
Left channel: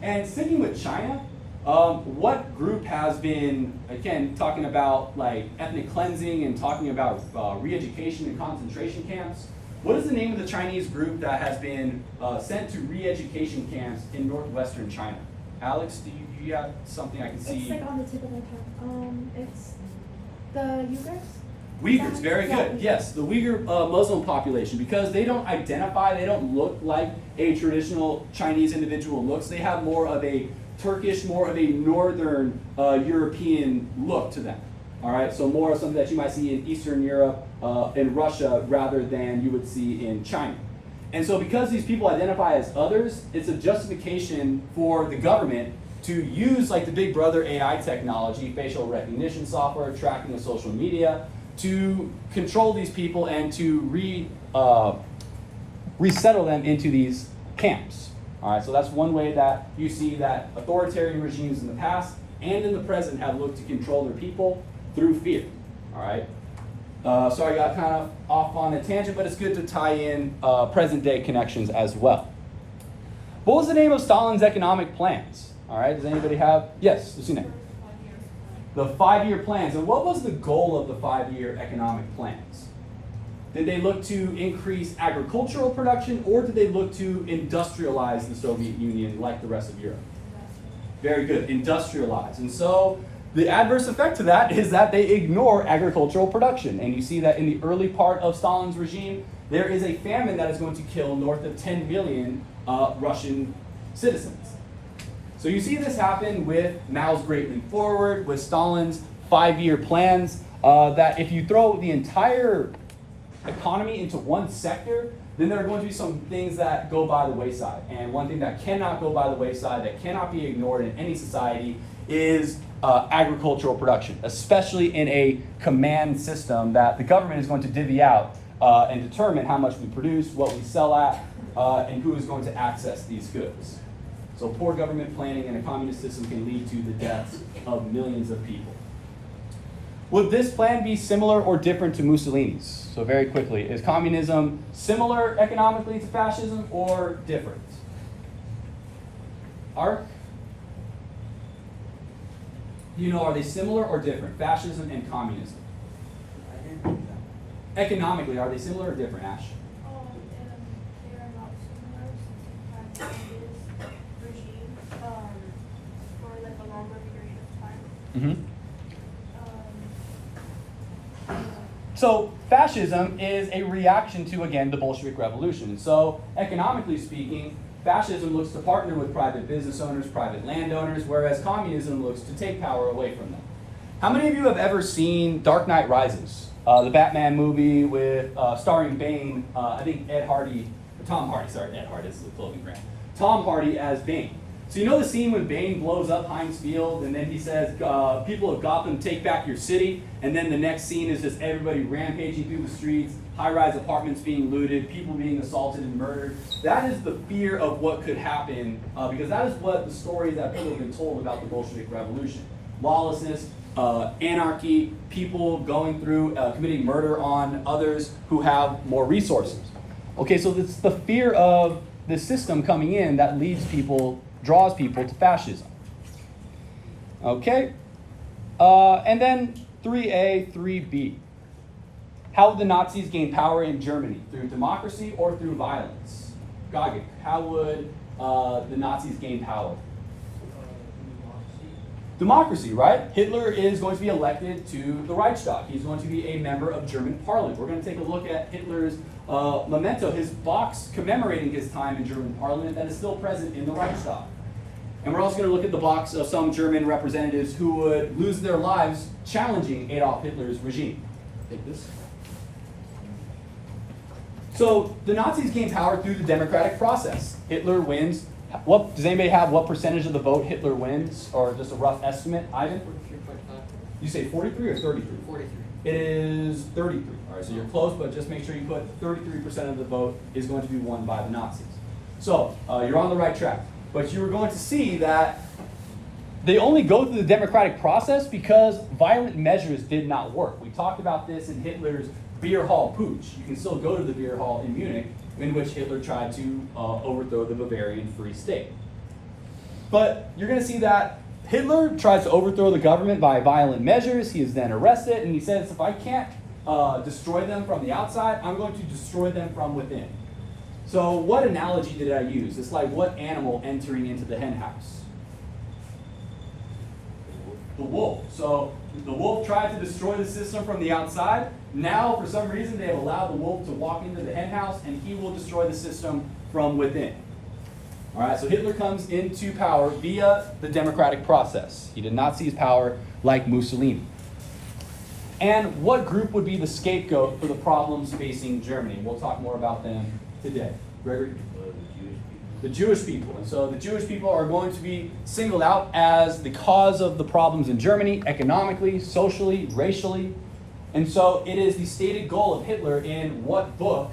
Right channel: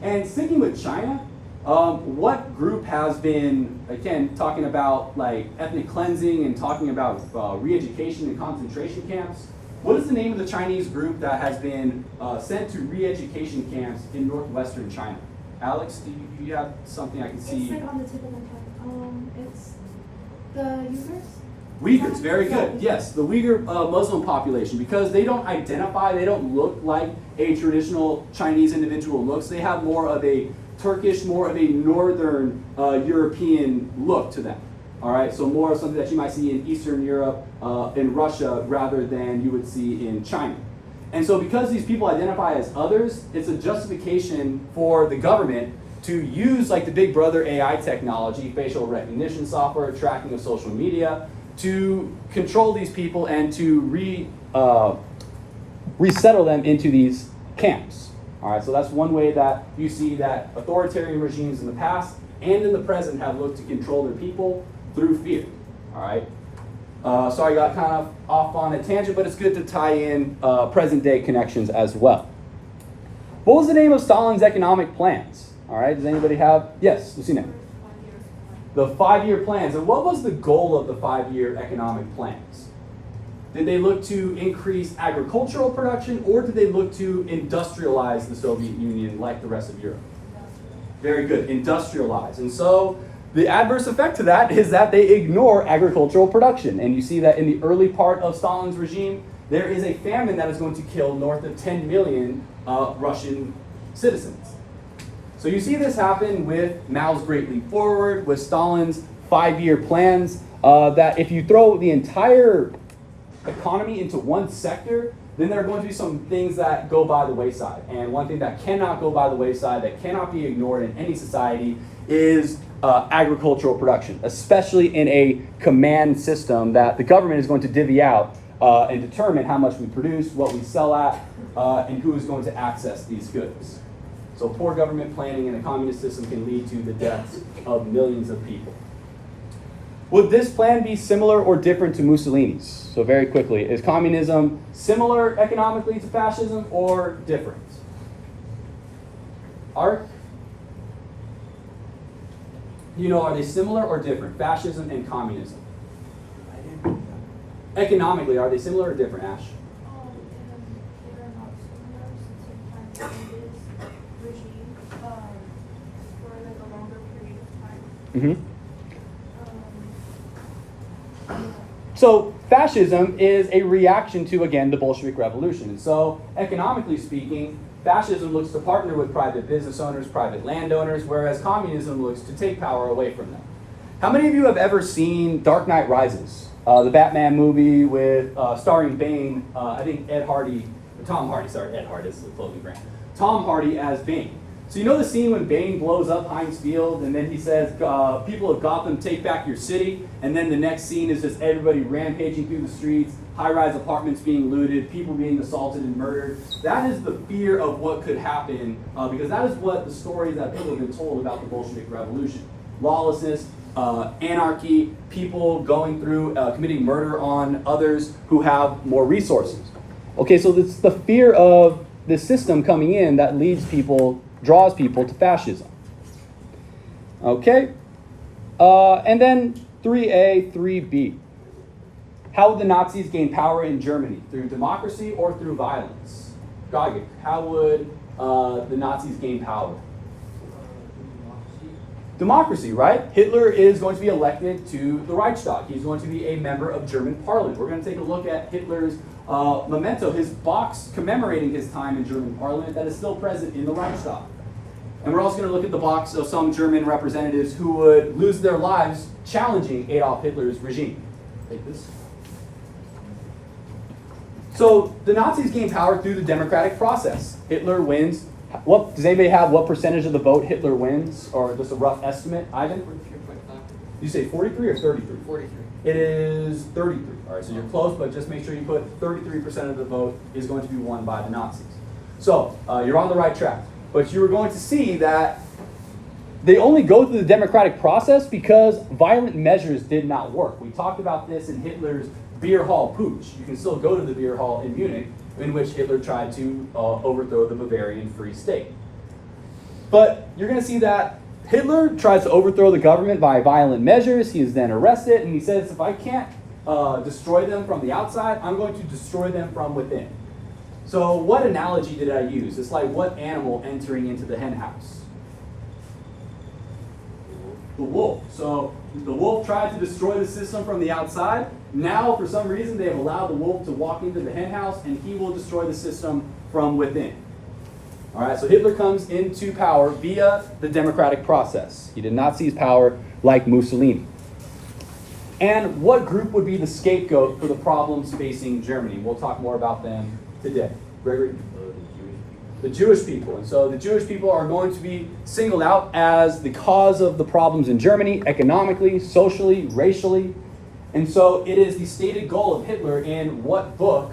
And sticking with China, what group has been, again, talking about like ethnic cleansing and talking about re-education and concentration camps? What is the name of the Chinese group that has been sent to re-education camps in northwestern China? Alex, do you have something I can see? It's like on the tip of my tongue. It's the Uyghurs. Uyghurs, very good. Yes, the Uyghur Muslim population, because they don't identify, they don't look like a traditional Chinese individual looks. They have more of a Turkish, more of a northern European look to them. All right, so more of something that you might see in Eastern Europe, in Russia, rather than you would see in China. And so because these people identify as others, it's a justification for the government to use like the Big Brother AI technology, facial recognition software, tracking of social media, to control these people and to resettle them into these camps. All right, so that's one way that you see that authoritarian regimes in the past and in the present have looked to control their people through fear. All right. Sorry, I got kind of off on a tangent, but it's good to tie in present day connections as well. What was the name of Stalin's economic plans? All right, does anybody have? Yes, Lucina. The 5-year plans. And what was the goal of the 5-year economic plans? Did they look to increase agricultural production, or did they look to industrialize the Soviet Union like the rest of Europe? Very good, industrialize. And so the adverse effect to that is that they ignore agricultural production. And you see that in the early part of Stalin's regime, there is a famine that is going to kill north of 10 million Russian citizens. So you see this happen with Mao's Great Leap Forward, with Stalin's 5-year plans, that if you throw the entire economy into one sector, then there are going to be some things that go by the wayside. And one thing that cannot go by the wayside, that cannot be ignored in any society, is agricultural production, especially in a command system that the government is going to divvy out and determine how much we produce, what we sell at, and who is going to access these goods. So poor government planning in a communist system can lead to the deaths of millions of people. Would this plan be similar or different to Mussolini's? So very quickly, is communism similar economically to fascism or different? Art? You know, are they similar or different? Fascism and communism. Economically, are they similar or different, Ash? They're not similar since it had regime for like a longer period of time. Mm-hmm. So fascism is a reaction to, again, the Bolshevik Revolution. So economically speaking, fascism looks to partner with private business owners, private landowners, whereas communism looks to take power away from them. How many of you have ever seen Dark Knight Rises, the Batman movie with starring Bane, I think Tom Hardy is the clothing brand. Tom Hardy as Bane. So you know the scene when Bane blows up Heinz Field and then he says, people of Gotham, take back your city, and then the next scene is just everybody rampaging through the streets, high-rise apartments being looted, people being assaulted and murdered. That is the fear of what could happen, because that is what the stories that people have been told about the Bolshevik Revolution. Lawlessness, anarchy, people going through, committing murder on others who have more resources. Okay, so it's the fear of the system coming in that draws people to fascism. Okay, and then 3A, 3B. How would the Nazis gain power in Germany? Through democracy or through violence? Gagik, how would the Nazis gain power? Democracy, right? Hitler is going to be elected to the Reichstag. He's going to be a member of German parliament. We're going to take a look at Hitler's memento, his box commemorating his time in German parliament that is still present in the Reichstag. And we're also going to look at the box of some German representatives who would lose their lives challenging Adolf Hitler's regime. Take this. So the Nazis gained power through the democratic process. Hitler wins. What does anybody have? What percentage of the vote Hitler wins, or just a rough estimate? Ivan? 43.5. You say 43 or 33? 43. It is 33. All right, so you're close, but just make sure you put 33% of the vote is going to be won by the Nazis. So you're on the right track. But you are going to see that they only go through the democratic process because violent measures did not work. We talked about this in Hitler's beer hall putsch. You can still go to the beer hall in Munich, in which Hitler tried to overthrow the Bavarian Free State. But you're going to see that Hitler tries to overthrow the government by violent measures. He is then arrested, and he says, if I can't destroy them from the outside, I'm going to destroy them from within. So what analogy did I use? It's like what animal entering into the hen house? The wolf. So the wolf tried to destroy the system from the outside. Now, for some reason, they have allowed the wolf to walk into the hen house, and he will destroy the system from within. All right, so Hitler comes into power via the democratic process. He did not seize power like Mussolini. And what group would be the scapegoat for the problems facing Germany? We'll talk more about them today. Gregory? The Jewish people. And so the Jewish people are going to be singled out as the cause of the problems in Germany, economically, socially, racially. And so it is the stated goal of Hitler in what book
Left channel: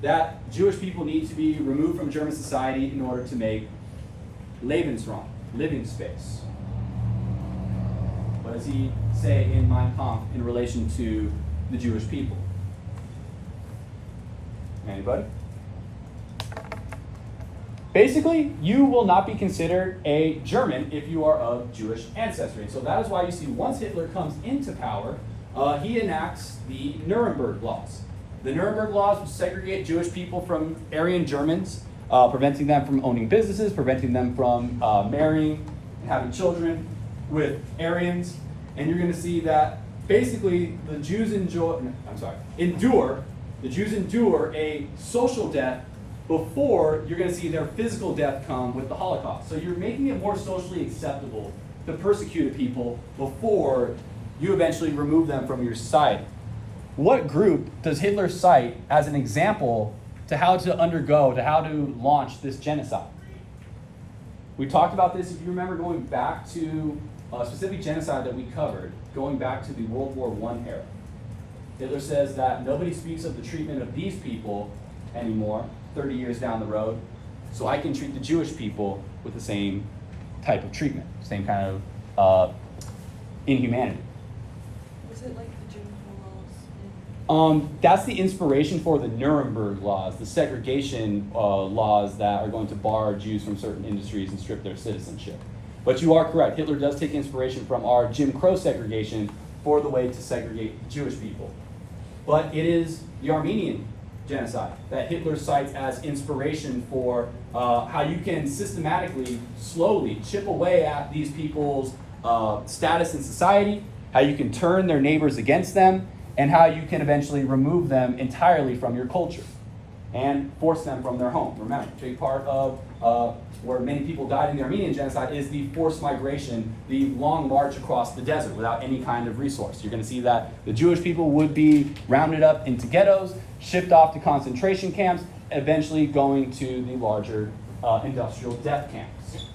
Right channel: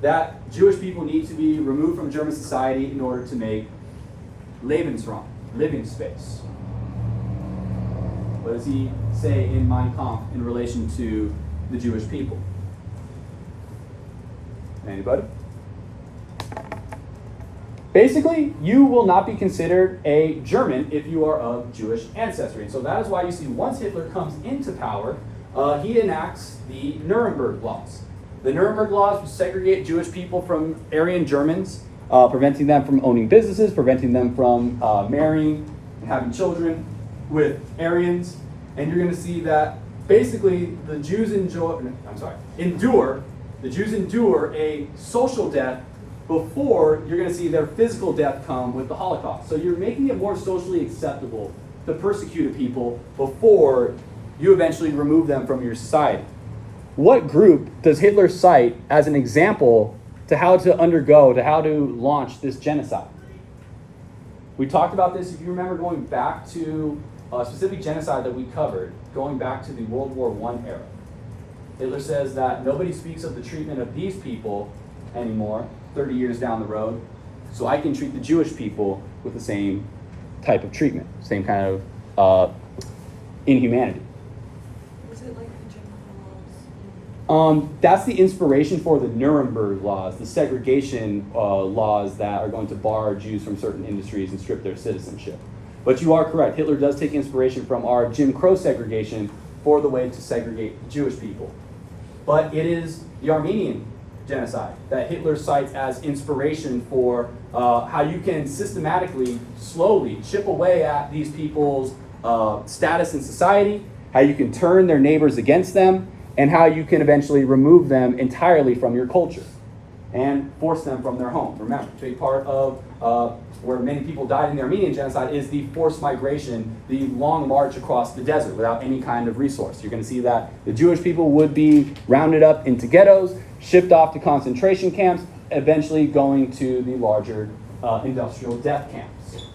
that Jewish people need to be removed from German society in order to make Lebensraum, living space. What does he say in Mein Kampf in relation to the Jewish people? Anybody? Basically, you will not be considered a German if you are of Jewish ancestry. So that is why you see once Hitler comes into power, he enacts the Nuremberg laws. The Nuremberg laws segregate Jewish people from Aryan Germans, preventing them from owning businesses, preventing them from marrying and having children with Aryans. And you're going to see that basically the Jews endure a social death before you're going to see their physical death come with the Holocaust. So you're making it more socially acceptable to persecute people before you eventually remove them from your society. What group does Hitler cite as an example to how to launch this genocide? We talked about this, if you remember, going back to a specific genocide that we covered, going back to the World War I era. Hitler says that nobody speaks of the treatment of these people anymore, 30 years down the road, so I can treat the Jewish people with the same type of treatment, same kind of inhumanity. Was it like the Jim Crow laws? That's the inspiration for the Nuremberg laws, the segregation laws that are going to bar Jews from certain industries and strip their citizenship. But you are correct. Hitler does take inspiration from our Jim Crow segregation for the way to segregate Jewish people. But it is the Armenian genocide that Hitler cites as inspiration for how you can systematically, slowly chip away at these people's status in society, how you can turn their neighbors against them, and how you can eventually remove them entirely from your culture and force them from their home. Remember, a big part of where many people died in the Armenian genocide is the forced migration, the long march across the desert without any kind of resource. You're going to see that the Jewish people would be rounded up into ghettos, shipped off to concentration camps, eventually going to the larger industrial death camps.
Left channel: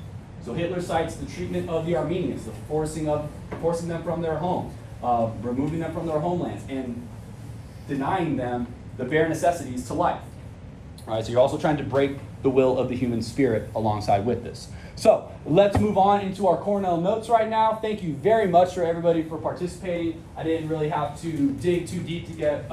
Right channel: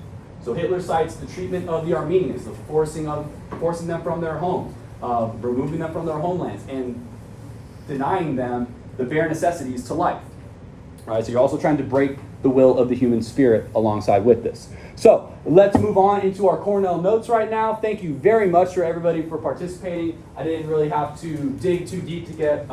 So Hitler cites the treatment of the Armenians, the forcing them from their homes, removing them from their homelands, and denying them the bare necessities to life. All right, so you're also trying to break the will of the human spirit alongside with this. So let's move on into our Cornell notes right now. Thank you very much for everybody for participating. I didn't really have to dig too deep to get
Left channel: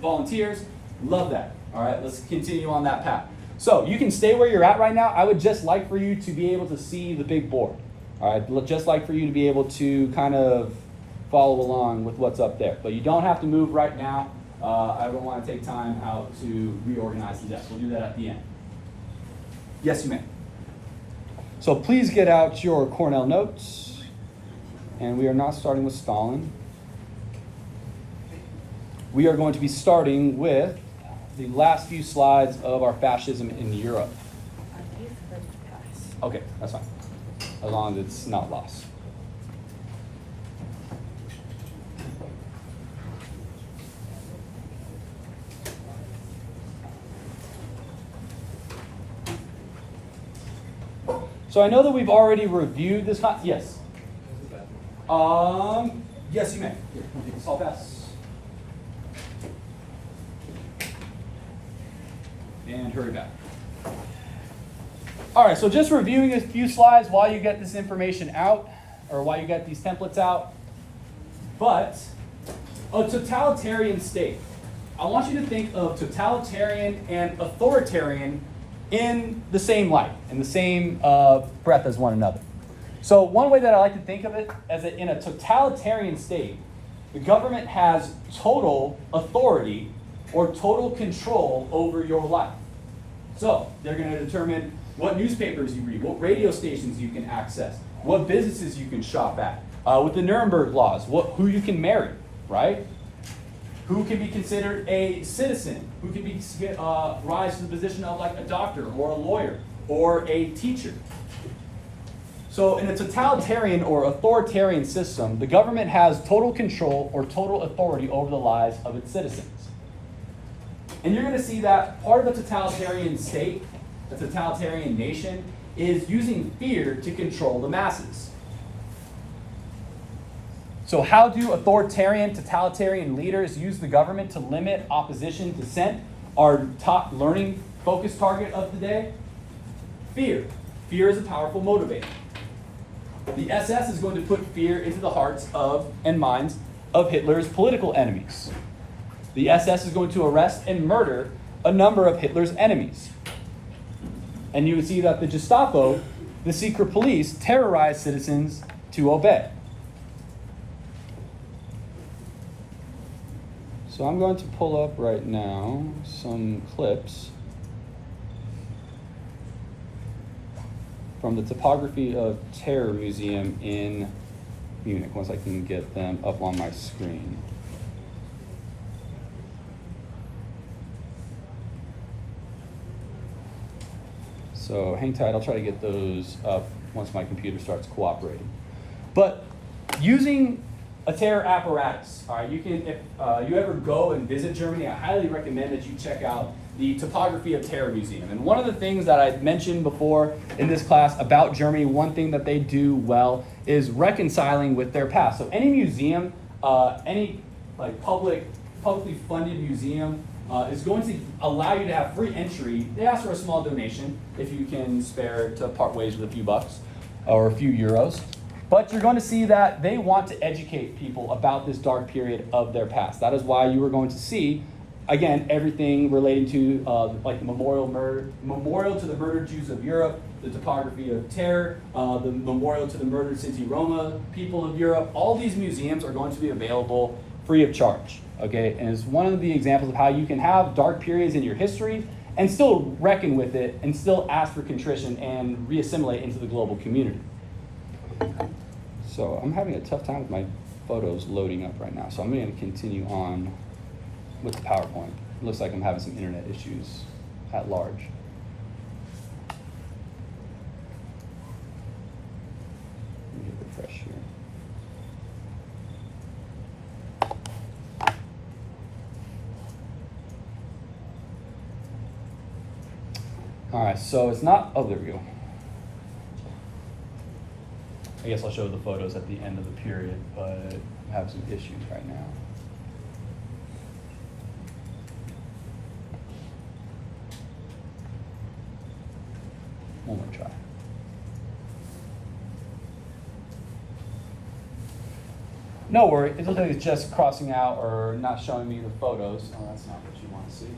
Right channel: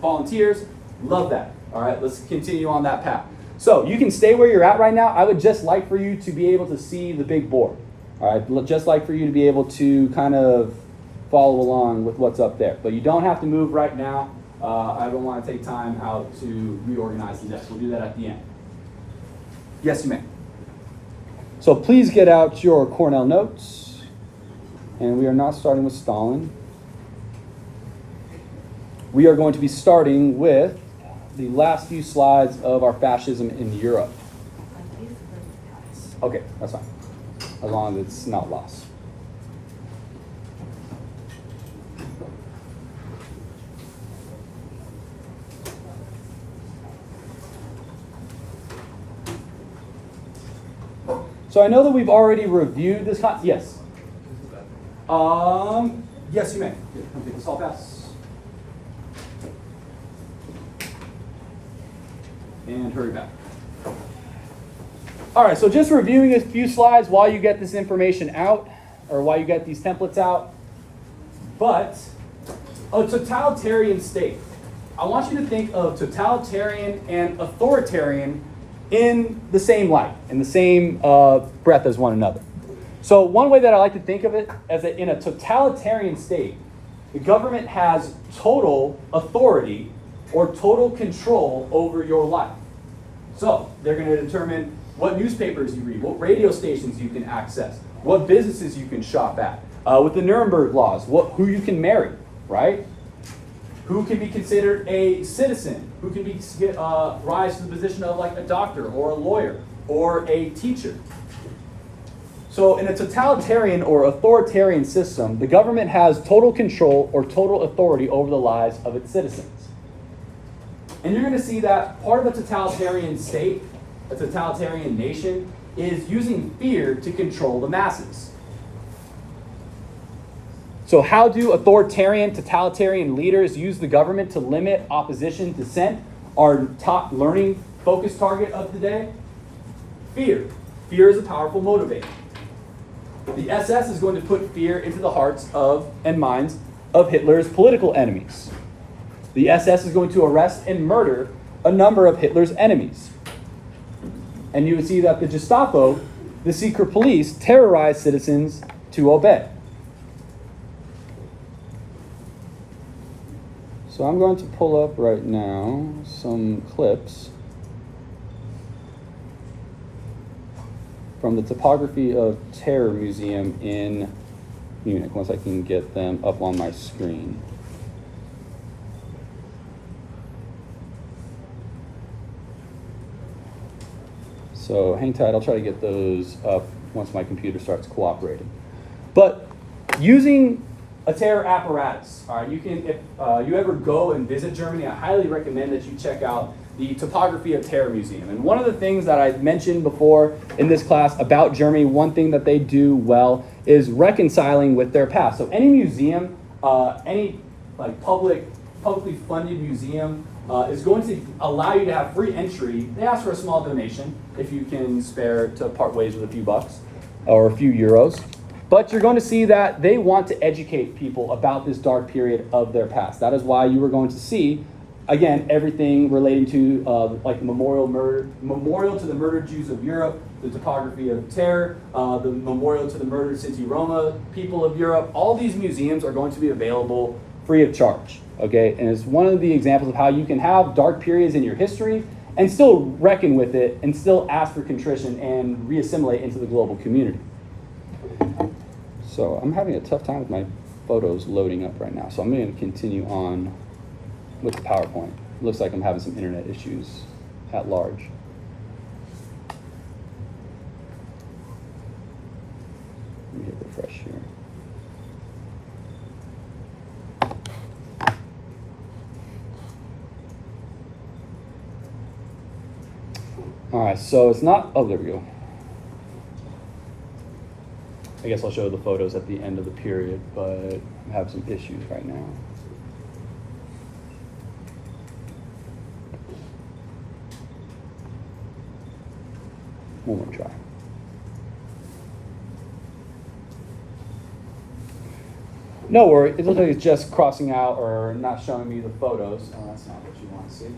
volunteers. Love that. All right, let's continue on that path. So you can stay where you're at right now. I would just like for you to be able to see the big board. All right, just like for you to be able to kind of follow along with what's up there. But you don't have to move right now. I don't want to take time out to reorganize the desk. We'll do that at the end. Yes, you may. So please get out your Cornell notes. And we are not starting with Stalin. We are going to be starting with the last few slides of our fascism in Europe. Okay, that's fine. As long as it's not lost. So I know that we've already reviewed this. Yes. Yes, you may. Here, come take this hall pass. And hurry back. All right, so just reviewing a few slides while you get this information out, or while you get these templates out. But a totalitarian state. I want you to think of totalitarian and authoritarian in the same light, in the same breath as one another. So one way that I like to think of it is that in a totalitarian state, the government has total authority or total control over your life. So they're going to determine what newspapers you read, what radio stations you can access, what businesses you can shop at, with the Nuremberg laws, who you can marry, right? Who can be considered a citizen, who can be rise to the position of like a doctor or a lawyer or a teacher. So in a totalitarian or authoritarian system, the government has total control or total authority over the lives of its citizens. And you're going to see that part of a totalitarian state, a totalitarian nation, is using fear to control the masses. So how do authoritarian, totalitarian leaders use the government to limit opposition, dissent? Our top learning focus target of the day? Fear. Fear is a powerful motivator. The SS is going to put fear into the hearts of and minds of Hitler's political enemies. The SS is going to arrest and murder a number of Hitler's enemies. And you would see that the Gestapo, the secret police, terrorized citizens to obey. So I'm going to pull up right now some clips from the Topography of Terror Museum in Munich, once I can get them up on my screen. So hang tight, I'll try to get those up once my computer starts cooperating. But using a terror apparatus, all right, you can, if you ever go and visit Germany, I highly recommend that you check out the Topography of Terror Museum. And one of the things that I mentioned before in this class about Germany, one thing that they do well is reconciling with their past. So any museum, any like publicly funded museum is going to allow you to have free entry. They ask for a small donation if you can spare to part ways with a few bucks or a few euros. But you're going to see that they want to educate people about this dark period of their past. That is why you are going to see, again, everything relating to like memorial to the murdered Jews of Europe, the Topography of Terror, the memorial to the murdered Sinti Roma people of Europe. All these museums are going to be available free of charge, okay? And it's one of the examples of how you can have dark periods in your history and still reckon with it and still ask for contrition and reassimilate into the global community. So I'm having a tough time with my photos loading up right now, so I'm going to continue on with the PowerPoint. It looks like I'm having some internet issues at large. Let me hit refresh here. All right, so it's not, oh, there we go. I guess I'll show the photos at the end of the period, but I'm having some issues right now. One more try. No worry, it looks like it's just crossing out or not showing me the photos. Oh, that's not what you want to see.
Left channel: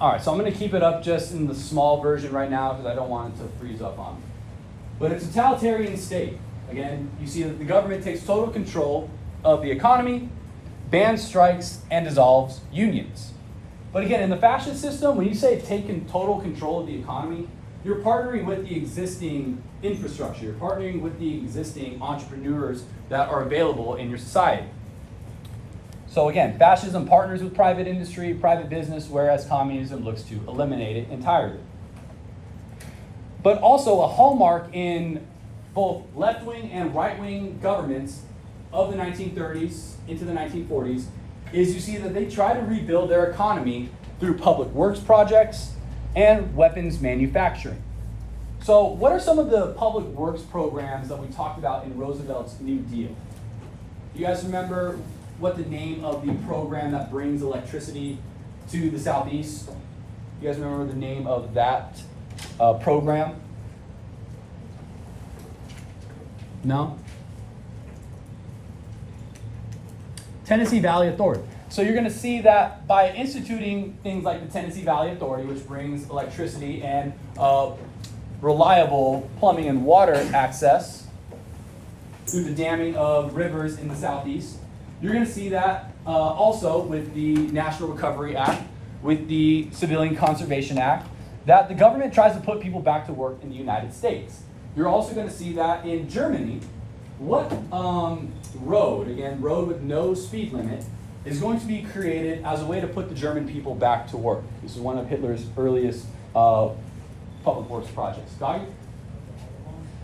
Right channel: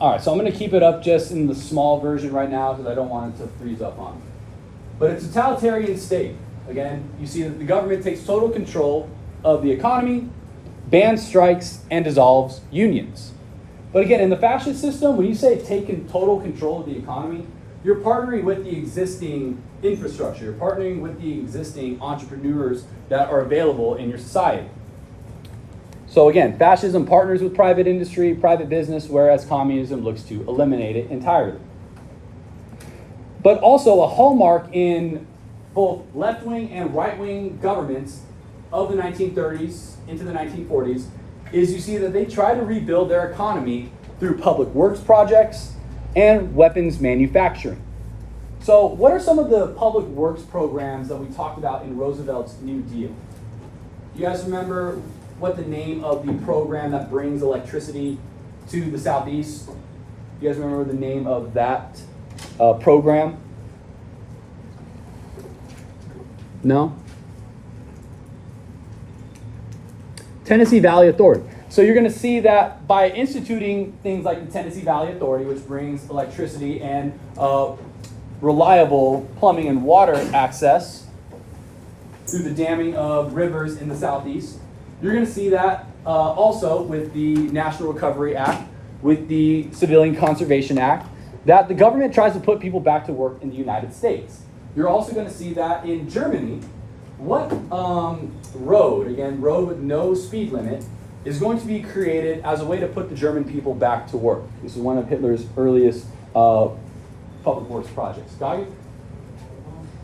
All right, so I'm going to keep it up just in the small version right now because I don't want it to freeze up on me. But a totalitarian state, again, you see that the government takes total control of the economy, bans strikes, and dissolves unions. But again, in the fascist system, when you say taking total control of the economy, you're partnering with the existing infrastructure. You're partnering with the existing entrepreneurs that are available in your society. So again, fascism partners with private industry, private business, whereas communism looks to eliminate it entirely. But also a hallmark in both left-wing and right-wing governments of the 1930s into the 1940s is you see that they try to rebuild their economy through public works projects and weapons manufacturing. So what are some of the public works programs that we talked about in Roosevelt's New Deal? You guys remember what the name of the program that brings electricity to the Southeast? You guys remember the name of that program? No? Tennessee Valley Authority. So you're going to see that by instituting things like the Tennessee Valley Authority, which brings electricity and reliable plumbing and water access through the damming of rivers in the Southeast, you're going to see that also with the National Recovery Act, with the Civilian Conservation Act, that the government tries to put people back to work in the United States. You're also going to see that in Germany, what road, again, road with no speed limit, is going to be created as a way to put the German people back to work. This is one of Hitler's earliest public works projects. Got you?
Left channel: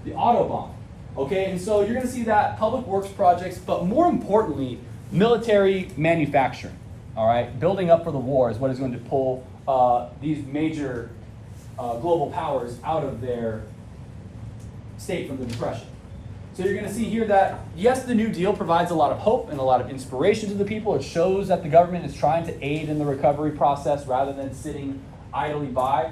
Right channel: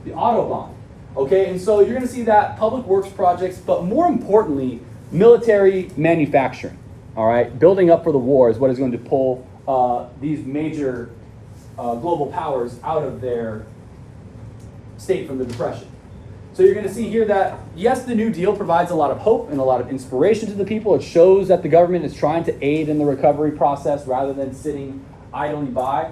The Autobahn. Okay, and so you're going to see that public works projects, but more importantly, military manufacturing. All right, building up for the war is what is going to pull these major global powers out of their state from the Depression. So you're going to see here that, yes, the New Deal provides a lot of hope and a lot of inspiration to the people. It shows that the government is trying to aid in the recovery process rather than sitting idly by.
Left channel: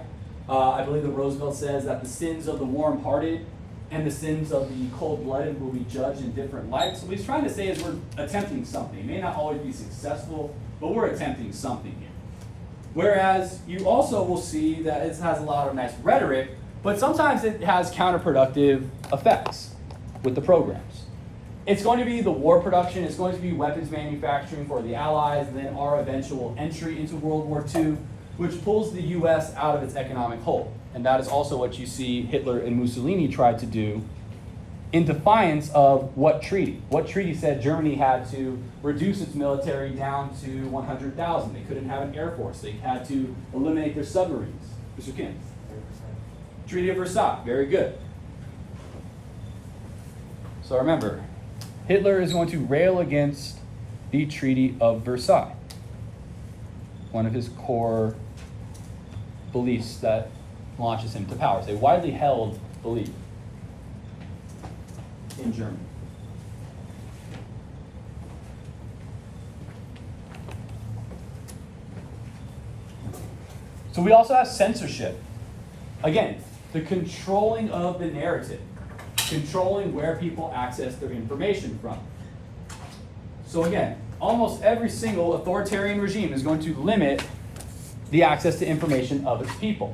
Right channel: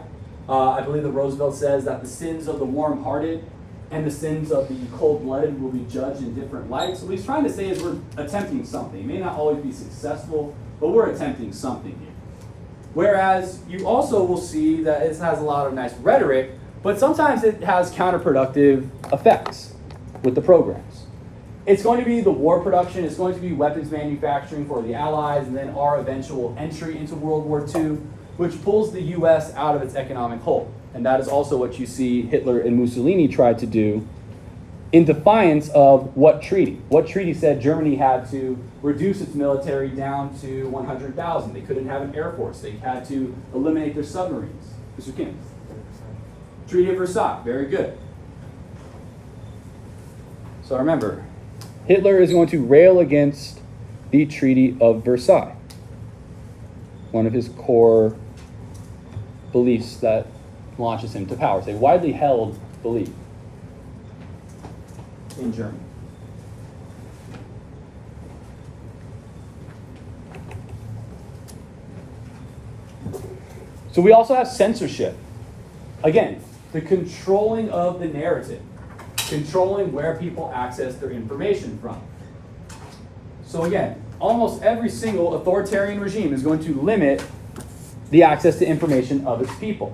I believe that Roosevelt says that the sins of the warm-hearted and the sins of the cold-blooded will be judged in different lights. So what he's trying to say is we're attempting something. It may not always be successful, but we're attempting something here. Whereas you also will see that it has a lot of nice rhetoric, but sometimes it has counterproductive effects with the programs. It's going to be the war production, it's going to be weapons manufacturing for the Allies, and then our eventual entry into World War II, which pulls the US out of its economic hole. And that is also what you see Hitler and Mussolini tried to do in defiance of what treaty? What treaty said Germany had to reduce its military down to 100,000? They couldn't have an air force. They had to eliminate their submarines. Mr. Kim? Treaty of Versailles, very good. So remember, Hitler is going to rail against the Treaty of Versailles, one of his core beliefs that launches him to power. It's a widely held belief in Germany. So we also have censorship. Again, the controlling of the narrative, controlling where people access their information from. So again, almost every single authoritarian regime is going to limit the access to information of its people.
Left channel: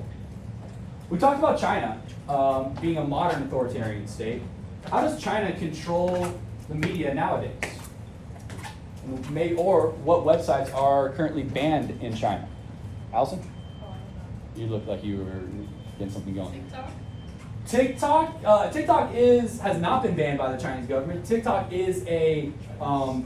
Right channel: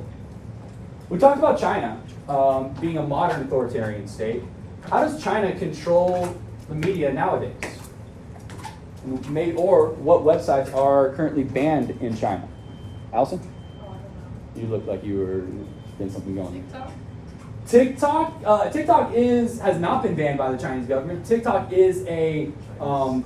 We talked about China being a modern authoritarian state. How does China control the media nowadays? Or what websites are currently banned in China? Allison? Oh, I don't know. You look like you were getting something going. TikTok? TikTok has not been banned by the Chinese government. TikTok is a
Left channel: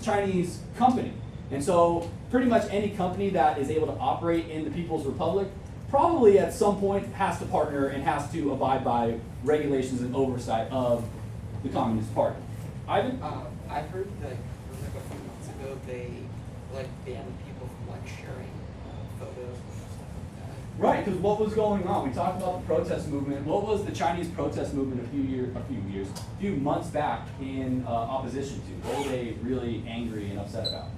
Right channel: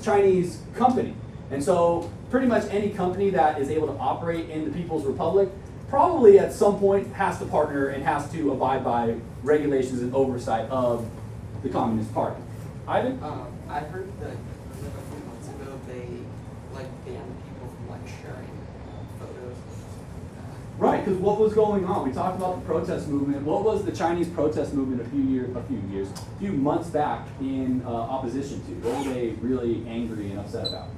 Chinese company. And so pretty much any company that is able to operate in the People's Republic probably at some point has to partner and has to abide by regulations and oversight of the Communist Party. Ivan? I heard that like a few months ago they banned people from sharing photos and stuff like that. Right, because what was going on? We talked about the protest movement. What was the Chinese protest movement a few months back in opposition to? What were they really angry and upset about?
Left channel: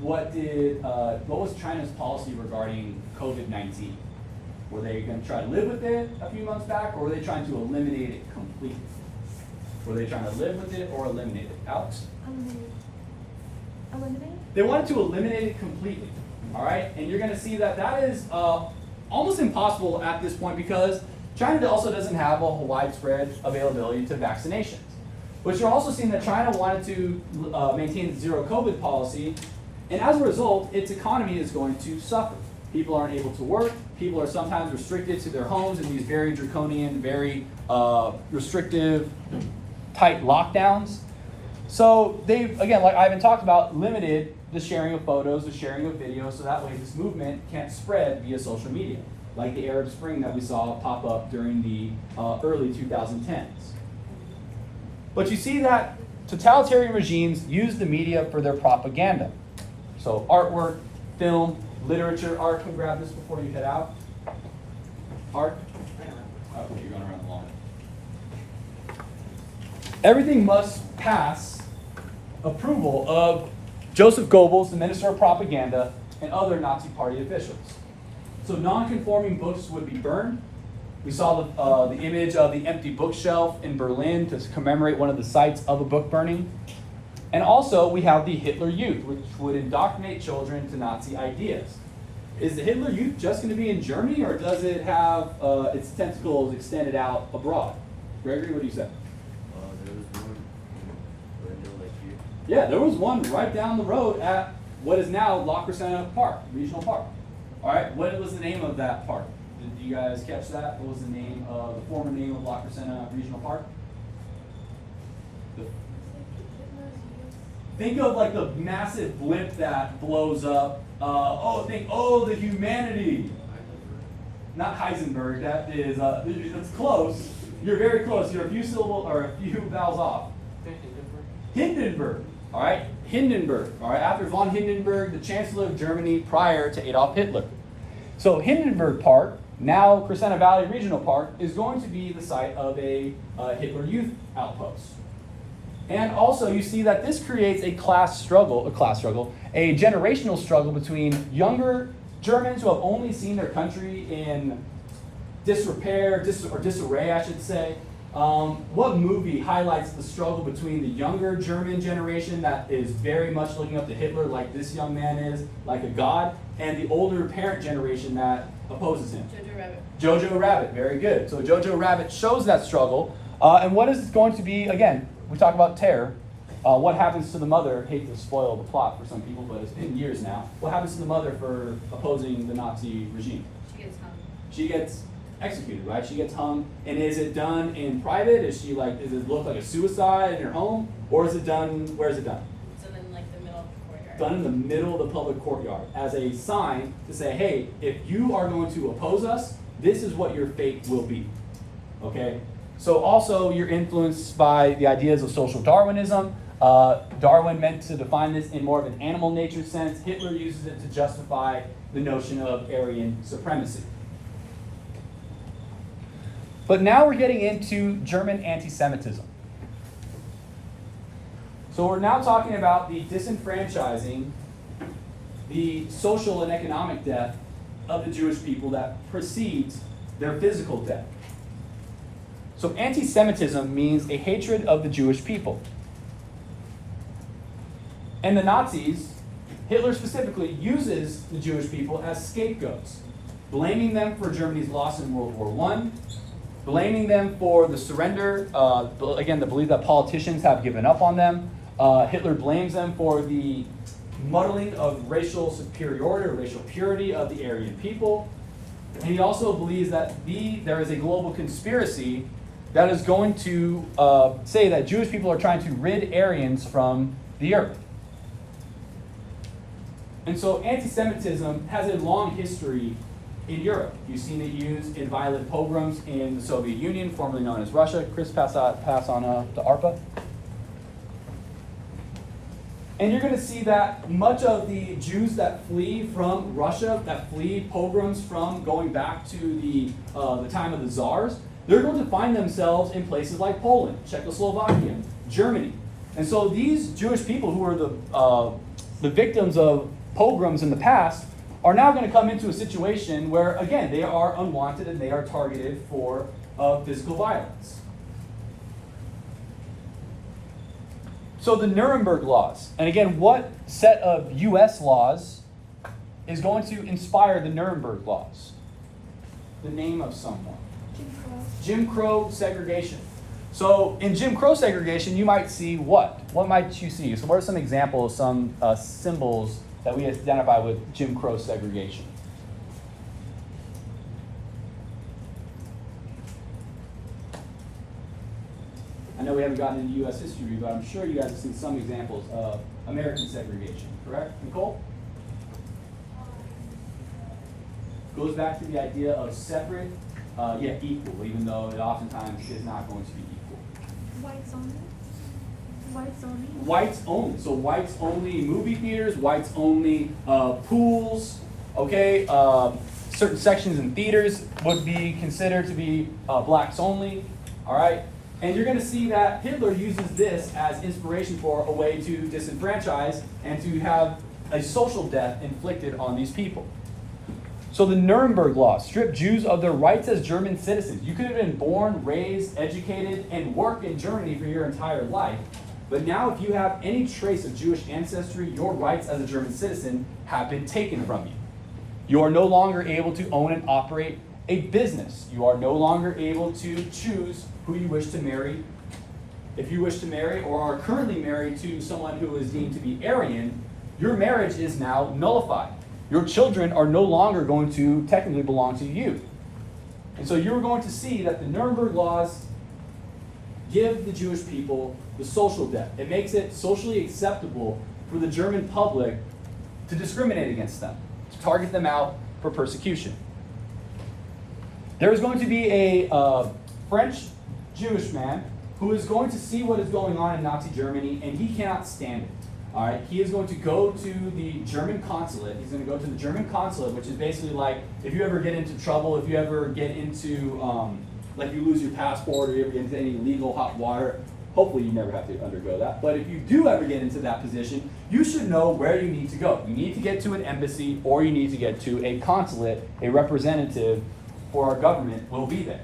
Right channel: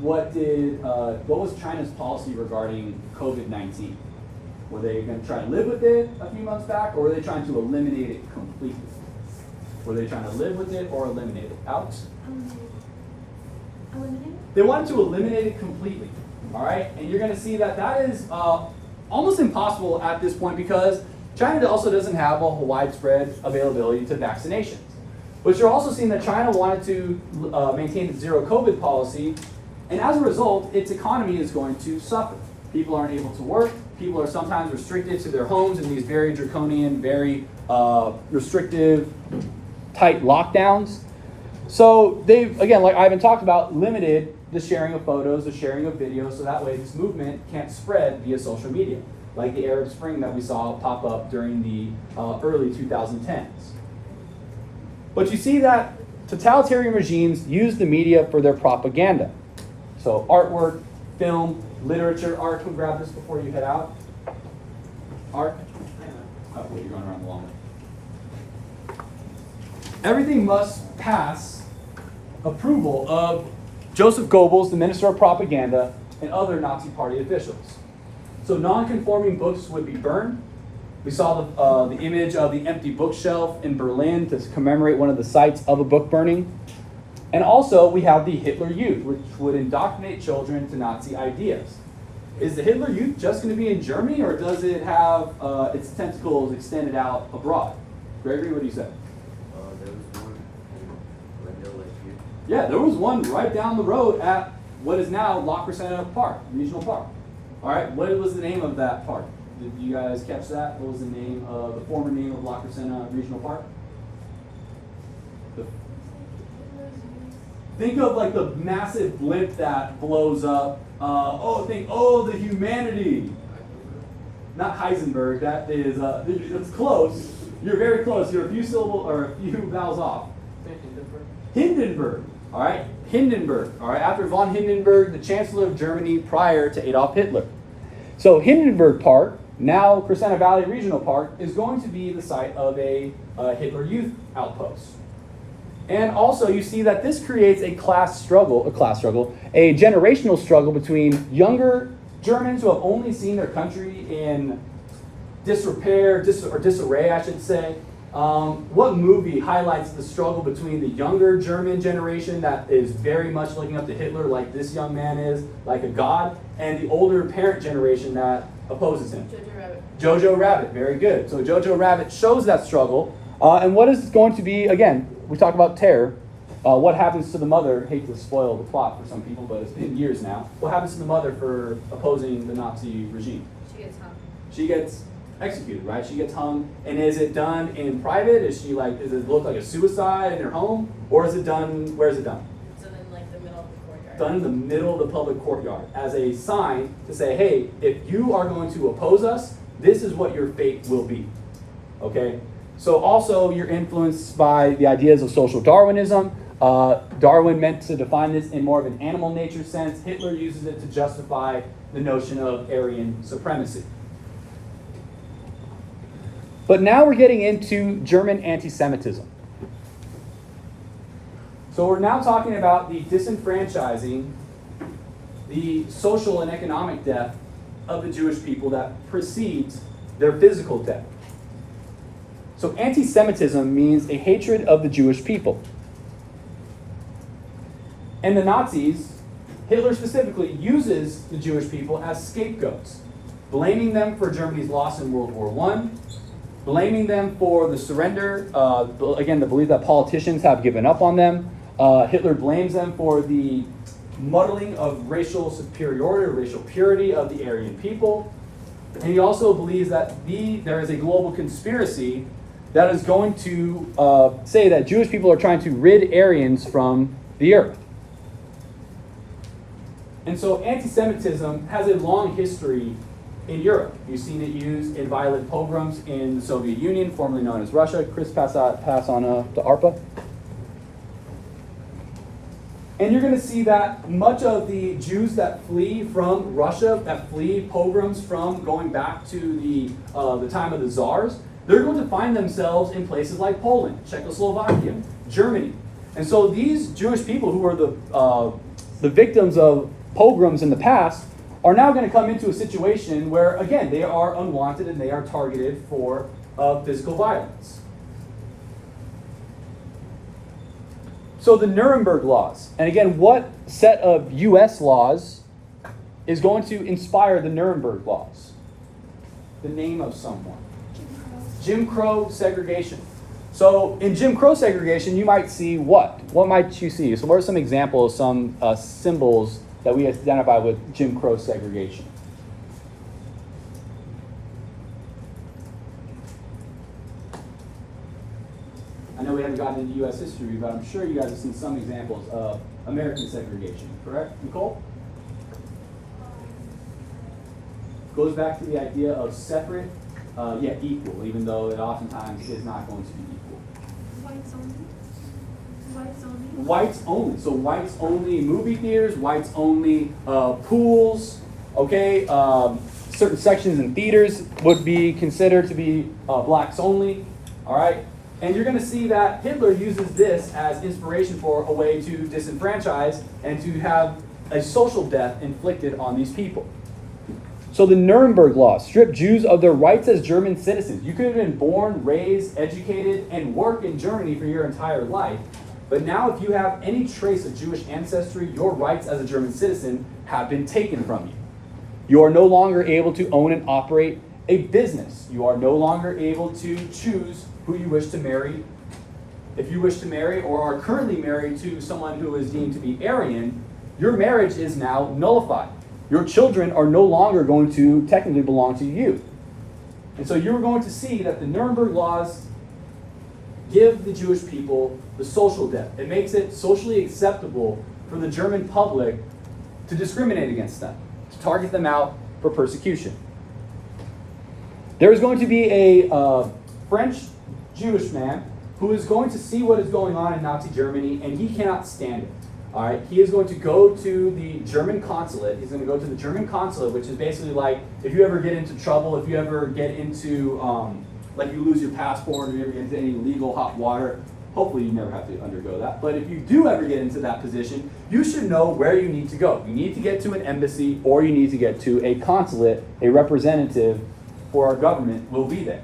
What was China's policy regarding COVID-19? Were they going to try to live with it a few months back, or were they trying to eliminate it completely? Were they trying to live with it or eliminate it? Alex? Eliminate? They wanted to eliminate it completely, all right? And you're going to see that that is almost impossible at this point because China also doesn't have a widespread availability to vaccinations. But you're also seeing that China wanted to maintain its zero COVID policy, and as a result, its economy is going to suffer. People aren't able to work. People are sometimes restricted to their homes in these very draconian, very restrictive, tight lockdowns. So they've, again, like Ivan talked about, limited the sharing of photos, the sharing of videos, so that way this movement can't spread via social media, like the Arab Spring that we saw pop up during the early 2010s. But you see that totalitarian regimes use the media for their propaganda. So artwork, film, literature. Art, come grab this before you head out. Art? Oh, wait, you're going around the long way. Everything must pass approval of Joseph Goebbels, the Minister of Propaganda, and other Nazi Party officials. So non-conforming books would be burned. We saw the image of the empty bookshelf in Berlin to commemorate one of the sites of a book burning. And also we have the Hitler Youth, which would indoctrinate children to Nazi ideas. Is the Hitler Youth just going to be in Germany, or does it have its tentacles extended out abroad? Gregory, what do you say? There was one in Glendale Lake here. Yeah, there was one right down the road at what is now La Crescenta Park, Regional Park. All right, what was the name of that park? Did you guys catch that? What was the name of the former name of La Crescenta Regional Park? Think of like the massive blimp that blows up. The humanity. Not Heisenberg. That is. It's close. You're very close. You're a few syllables or a few vowels off. Hindenburg. All right, Hindenburg. All right, after von Hindenburg, the Chancellor of Germany prior to Adolf Hitler. So Hindenburg Park, now Crescenta Valley Regional Park, is going to be the site of a Hitler Youth outpost. And also you see that this creates a generational struggle between younger Germans who have only seen their country in disarray, I should say. What movie highlights the struggle between the younger German generation that is very much looking up to Hitler like this young man is, like a god, and the older parent generation that opposes him? Jojo Rabbit. Jojo Rabbit, very good. So Jojo Rabbit shows that struggle. And what is going to be, again, we talk about terror. What happens to the mother? Hate to spoil the plot for some people, but it's been years now. What happens to the mother for opposing the Nazi regime? She gets hung. She gets executed, right? She gets hung. And is it done in private? Does it look like a suicide in her home? Or is it done, where is it done? It's done in like the middle of the courtyard. Done in the middle of the public courtyard as a sign to say, hey, if you are going to oppose us, this is what your fate will be. Okay? So also you're influenced by the ideas of social Darwinism. Darwin meant to define this in more of an animal nature sense. Hitler uses it to justify the notion of Aryan supremacy. But now we're getting into German anti-Semitism. So we're now talking about the disenfranchising, the social and economic death of the Jewish people that precedes their physical death. So anti-Semitism means a hatred of the Jewish people. And the Nazis, Hitler specifically, uses the Jewish people as scapegoats, blaming them for Germany's loss in World War I, blaming them for the surrender, again, the belief that politicians have given up on them. Hitler blames them for the muddling of racial superiority or racial purity of the Aryan people. And he also believes that there is a global conspiracy that is going to say that Jewish people are trying to rid Aryans from the earth. And so anti-Semitism has a long history in Europe. You've seen it used in violent pogroms in the Soviet Union, formerly known as Russia. Chris, pass on to ARPA. And you're going to see that much of the Jews that flee from Russia, that flee pogroms from going back to the time of the Tsars, they're going to find themselves in places like Poland, Czechoslovakia, Germany. And so these Jewish people who are the victims of pogroms in the past are now going to come into a situation where, again, they are unwanted and they are targeted for physical violence. So the Nuremberg laws, and again, what set of U.S. laws is going to inspire the Nuremberg laws? The name of someone. Jim Crow segregation. So in Jim Crow segregation, you might see what? What might you see? So what are some examples, some symbols that we identify with Jim Crow segregation? I know we haven't gotten into U.S. history, but I'm sure you guys have seen some examples of American segregation, correct, Nicole? Goes back to the idea of separate, yet equal, even though it oftentimes is not going to be equal. Whites only. Whites only. Whites only. So whites only movie theaters, whites only pools, Okay, certain sections in theaters would be considered to be blacks only. All right, and you're going to see that Hitler uses this as inspiration for a way to disenfranchise and to have a social death inflicted on these people. So the Nuremberg Law stripped Jews of their rights as German citizens. You could have been born, raised, educated, and work in Germany for your entire life. But now if you have any trace of Jewish ancestry, your rights as a German citizen have been taken from you. You are no longer able to own and operate a business. You are no longer able to choose who you wish to marry. If you wish to marry or are currently married to someone who is deemed to be Aryan, your marriage is now nullified. Your children are no longer going to technically belong to you. And so you're going to see that the Nuremberg laws give the Jewish people the social debt. It makes it socially acceptable for the German public to discriminate against them, to target them out for persecution. There is going to be a French Jewish man who is going to see what is going on in Nazi Germany, and he cannot stand it. All right, he is going to go to the German consulate. He's going to go to the German consulate, which is basically like if you ever get into trouble, if you ever get into, like you lose your passport or you ever get into any legal hot water. Hopefully you never have to undergo that. But if you do ever get into that position, you should know where you need to go. You need to get to an embassy or you need to get to a consulate. A representative for our government will be there.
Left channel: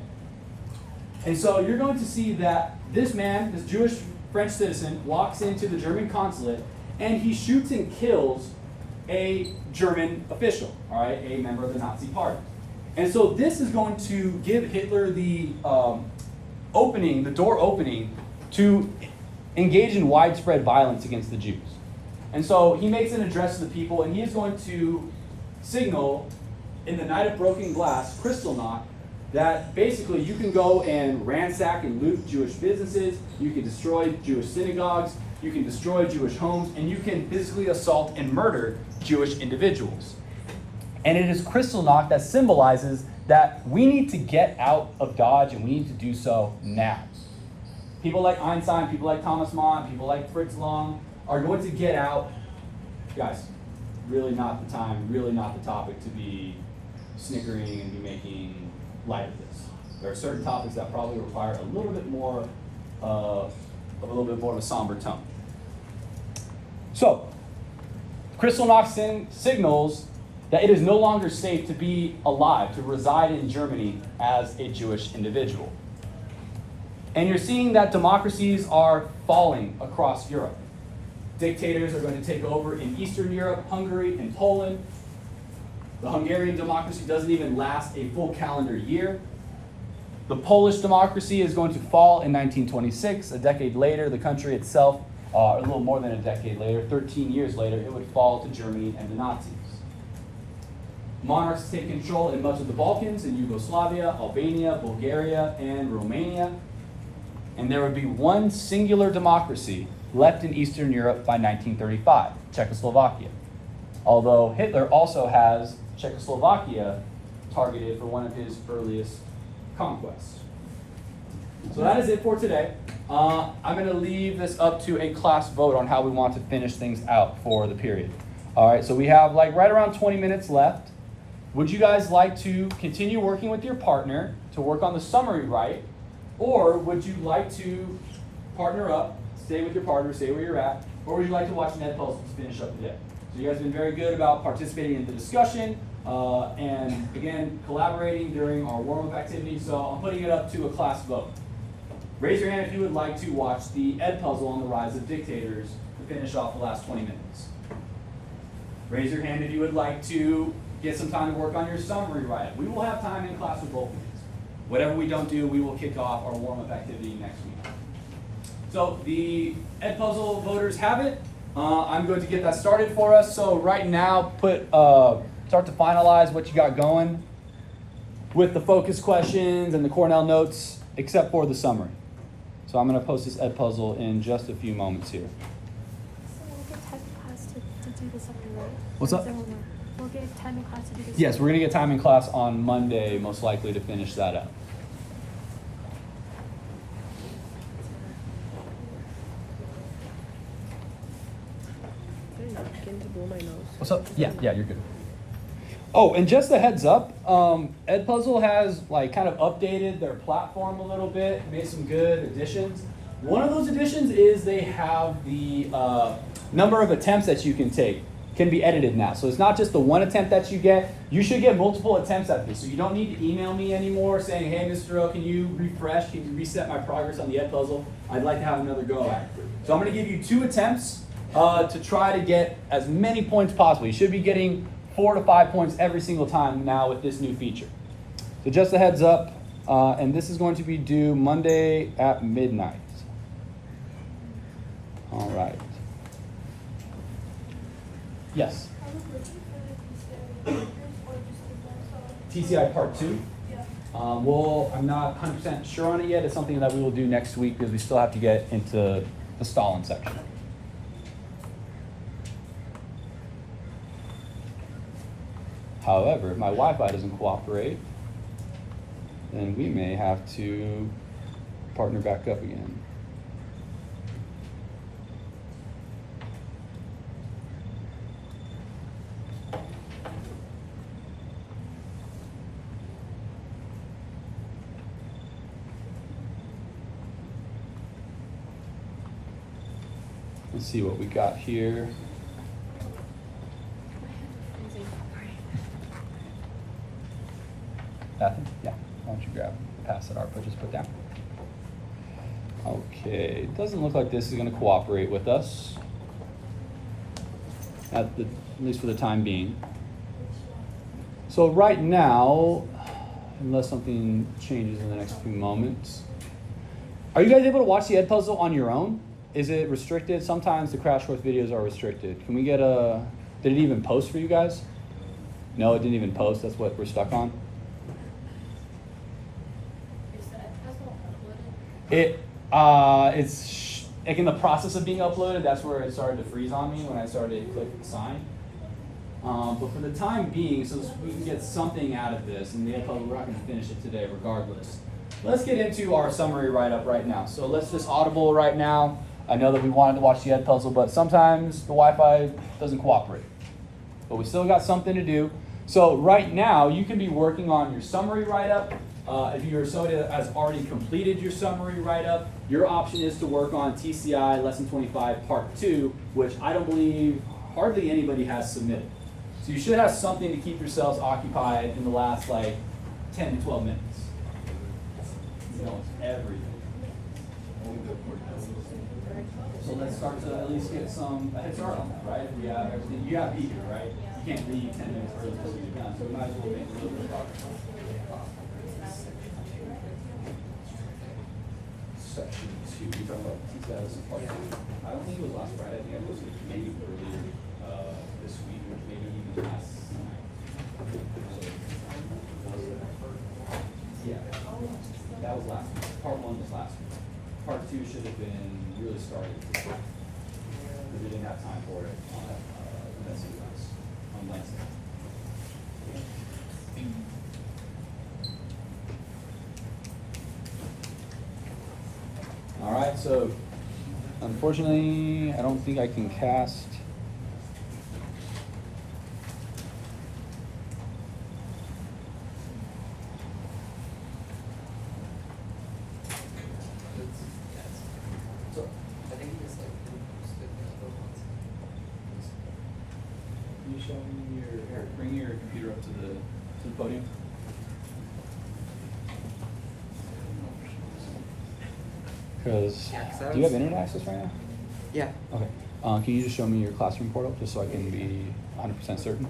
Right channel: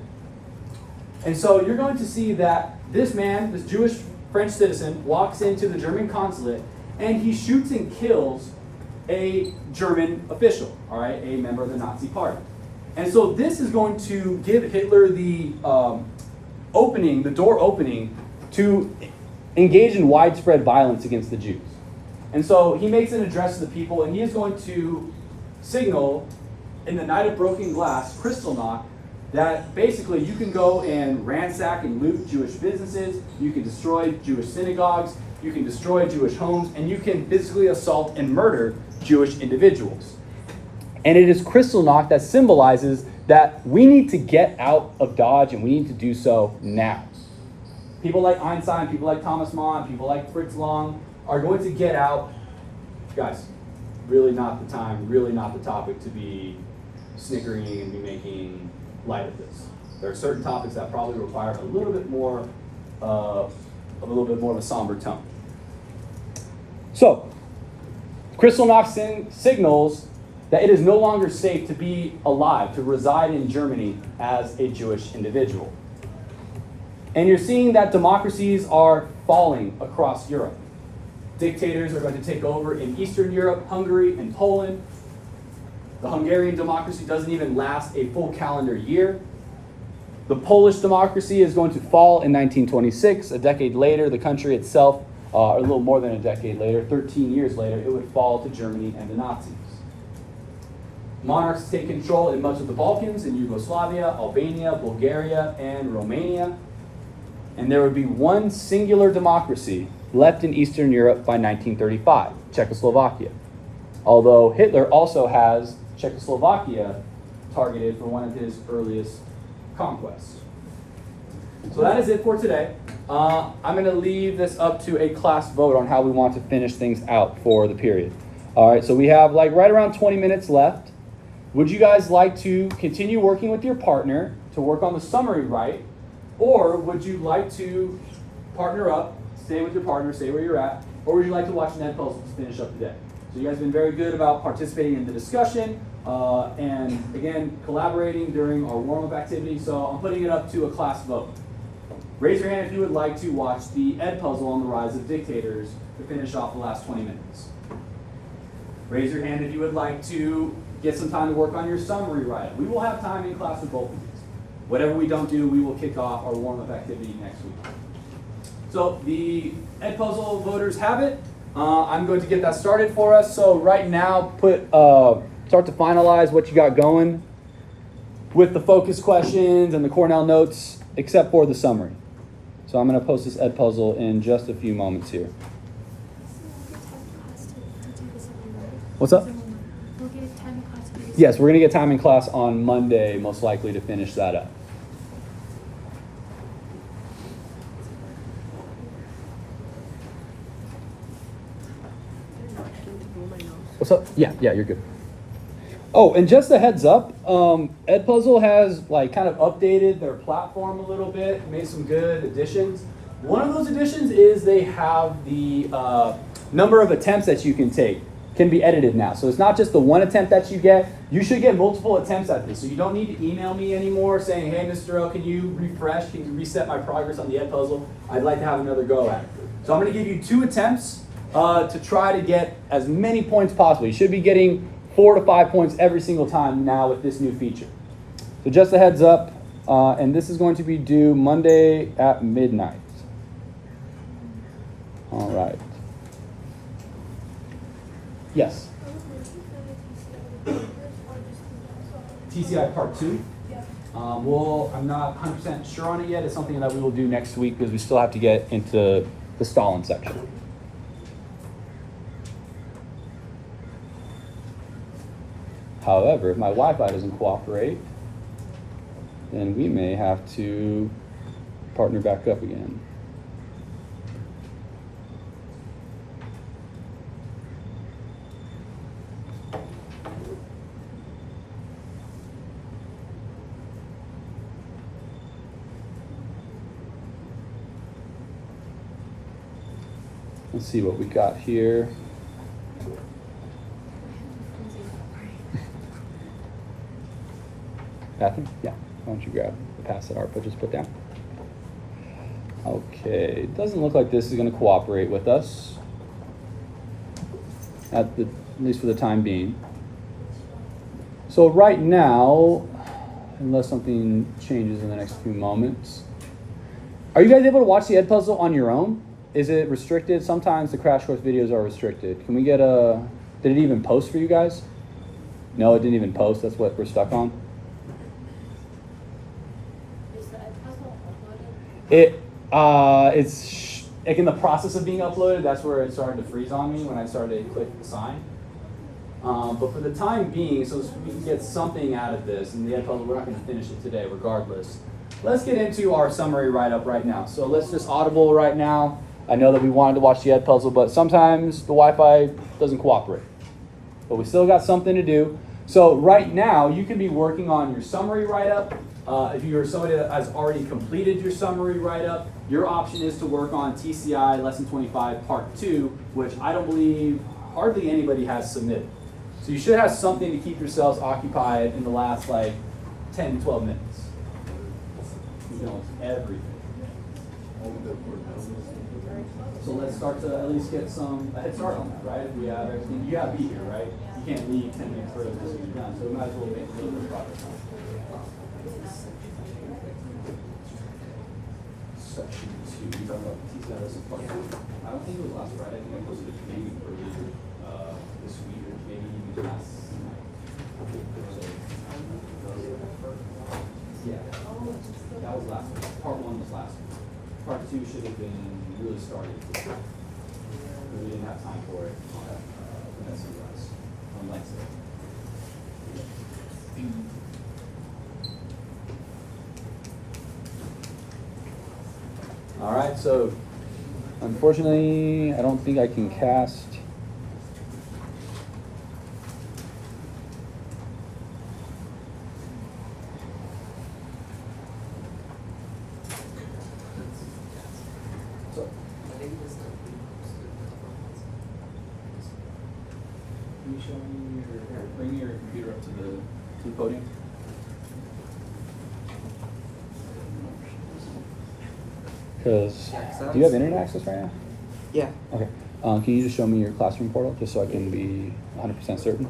And so you're going to see that this man, this Jewish French citizen, walks into the German consulate and he shoots and kills a German official, all right, a member of the Nazi Party. And so this is going to give Hitler the door opening to engage in widespread violence against the Jews. And so he makes an address to the people, and he is going to signal in the night of broken glass, Kristallnacht, that basically you can go and ransack and loot Jewish businesses, you can destroy Jewish synagogues, you can destroy Jewish homes, and you can physically assault and murder Jewish individuals. And it is Kristallnacht that symbolizes that we need to get out of Dodge, and we need to do so now. People like Einstein, people like Thomas Mann, people like Fritz Lang are going to get out. Guys, really not the time, really not the topic to be snickering and be making light of this. There are certain topics that probably require a little bit more of a somber tone. So, Kristallnacht signals that it is no longer safe to be alive, to reside in Germany as a Jewish individual. And you're seeing that democracies are falling across Europe. Dictators are going to take over in Eastern Europe, Hungary, and Poland. The Hungarian democracy doesn't even last a full calendar year. The Polish democracy is going to fall in 1926. A decade later, the country itself, a little more than a decade later, 13 years later, it would fall to Germany and the Nazis. Monarchs take control in much of the Balkans, in Yugoslavia, Albania, Bulgaria, and Romania. And there would be one singular democracy left in Eastern Europe by 1935, Czechoslovakia. Although Hitler also has Czechoslovakia targeted for one of his earliest conquests. So that is it for today. I'm going to leave this up to a class vote on how we want to finish things out for the period. All right, so we have like right around 20 minutes left. Would you guys like to continue working with your partner to work on the summary right? Or would you like to partner up, stay with your partner, stay where you're at, or would you like to watch an ed puzzle to finish up the day? So you guys have been very good about participating in the discussion and again, collaborating during our warm-up activity. So I'm putting it up to a class vote. Raise your hand if you would like to watch the ed puzzle on the rise of dictators to finish off the last 20 minutes. Raise your hand if you would like to get some time to work on your summary right. We will have time in class for both of these. Whatever we don't do, we will kick off our warm-up activity next week. So the ed puzzle voters have it. I'm going to get that started for us. So right now, start to finalize what you got going with the focus questions and the Cornell notes, except for the summary. So I'm going to post this ed puzzle in just a few moments here. So we'll get time in class to do the summary, right? What's up? We'll get time in class to do the Yes, we're going to get time in class on Monday, most likely, to finish that up. What's up? Yeah, you're good. Oh, and just a heads up, Edpuzzle has like kind of updated their platform a little bit, made some good additions. One of those additions is they have the number of attempts that you can take can be edited now. So it's not just the one attempt that you get. You should get multiple attempts at this. So you don't need to email me anymore saying, hey, Mr. O, can you refresh? Can you reset my progress on the Edpuzzle? I'd like to have another go at it. So I'm going to give you 2 attempts to try to get as many points possible. You should be getting 4 to 5 points every single time now with this new feature. So just a heads up, and this is going to be due Monday at midnight. All right. Yes. TCI Part 2. Well, I'm not 100% sure on it yet. It's something that we will do next week because we still have to get into the Stalin section. However, if my Wi-Fi doesn't cooperate, then we may have to partner back up again. Let's see what we got here. Nothing? Yeah. Why don't you pass that ARPA just put down? Okay, it doesn't look like this is going to cooperate with us. At least for the time being. So right now, unless something changes in the next few moments, are you guys able to watch the Edpuzzle on your own? Is it restricted? Sometimes the crash course videos are restricted. Can we get did it even post for you guys? No, it didn't even post. That's what we're stuck on. Is the Edpuzzle uploaded? It's like in the process of being uploaded. That's where it started to freeze on me when I started to click the sign. But for the time being, so we can get something out of this, and the Edpuzzle, we're not going to finish it today regardless. Let's get into our summary write-up right now. So let's just audible right now. I know that we wanted to watch the Edpuzzle, but sometimes the Wi-Fi doesn't cooperate. But we still got something to do. So right now, you can be working on your summary write-up. If you're somebody that has already completed your summary write-up, your option is to work on TCI Lesson 25 Part 2, which I don't believe hardly anybody has submitted. So you should have something to keep yourselves occupied in the last like 10 to 12 minutes. You know, it's everything. So let's start to at least get a head start on that, right? If we have everything, you have to be here, right? You can't leave 10 minutes further than you've done, so we might as well make a little bit of progress on it. Section 2, you're talking about TCI lesson part 2. I don't think it was last Friday. I think I posted it maybe earlier this week, or maybe even last night. Yeah, that was last week. Part 1 was last week. Part 2 should have been really started this week, but we didn't have time for it on SUS on Wednesday. All right, so unfortunately, I don't think I can cast. I think this posted a couple of months ago. Can you show me or bring your computer up to the podium? Because Yeah, 'cause I do you have was- internet access right now? Yeah. Okay. Can you just show me your classroom portal just so I can be 100% certain?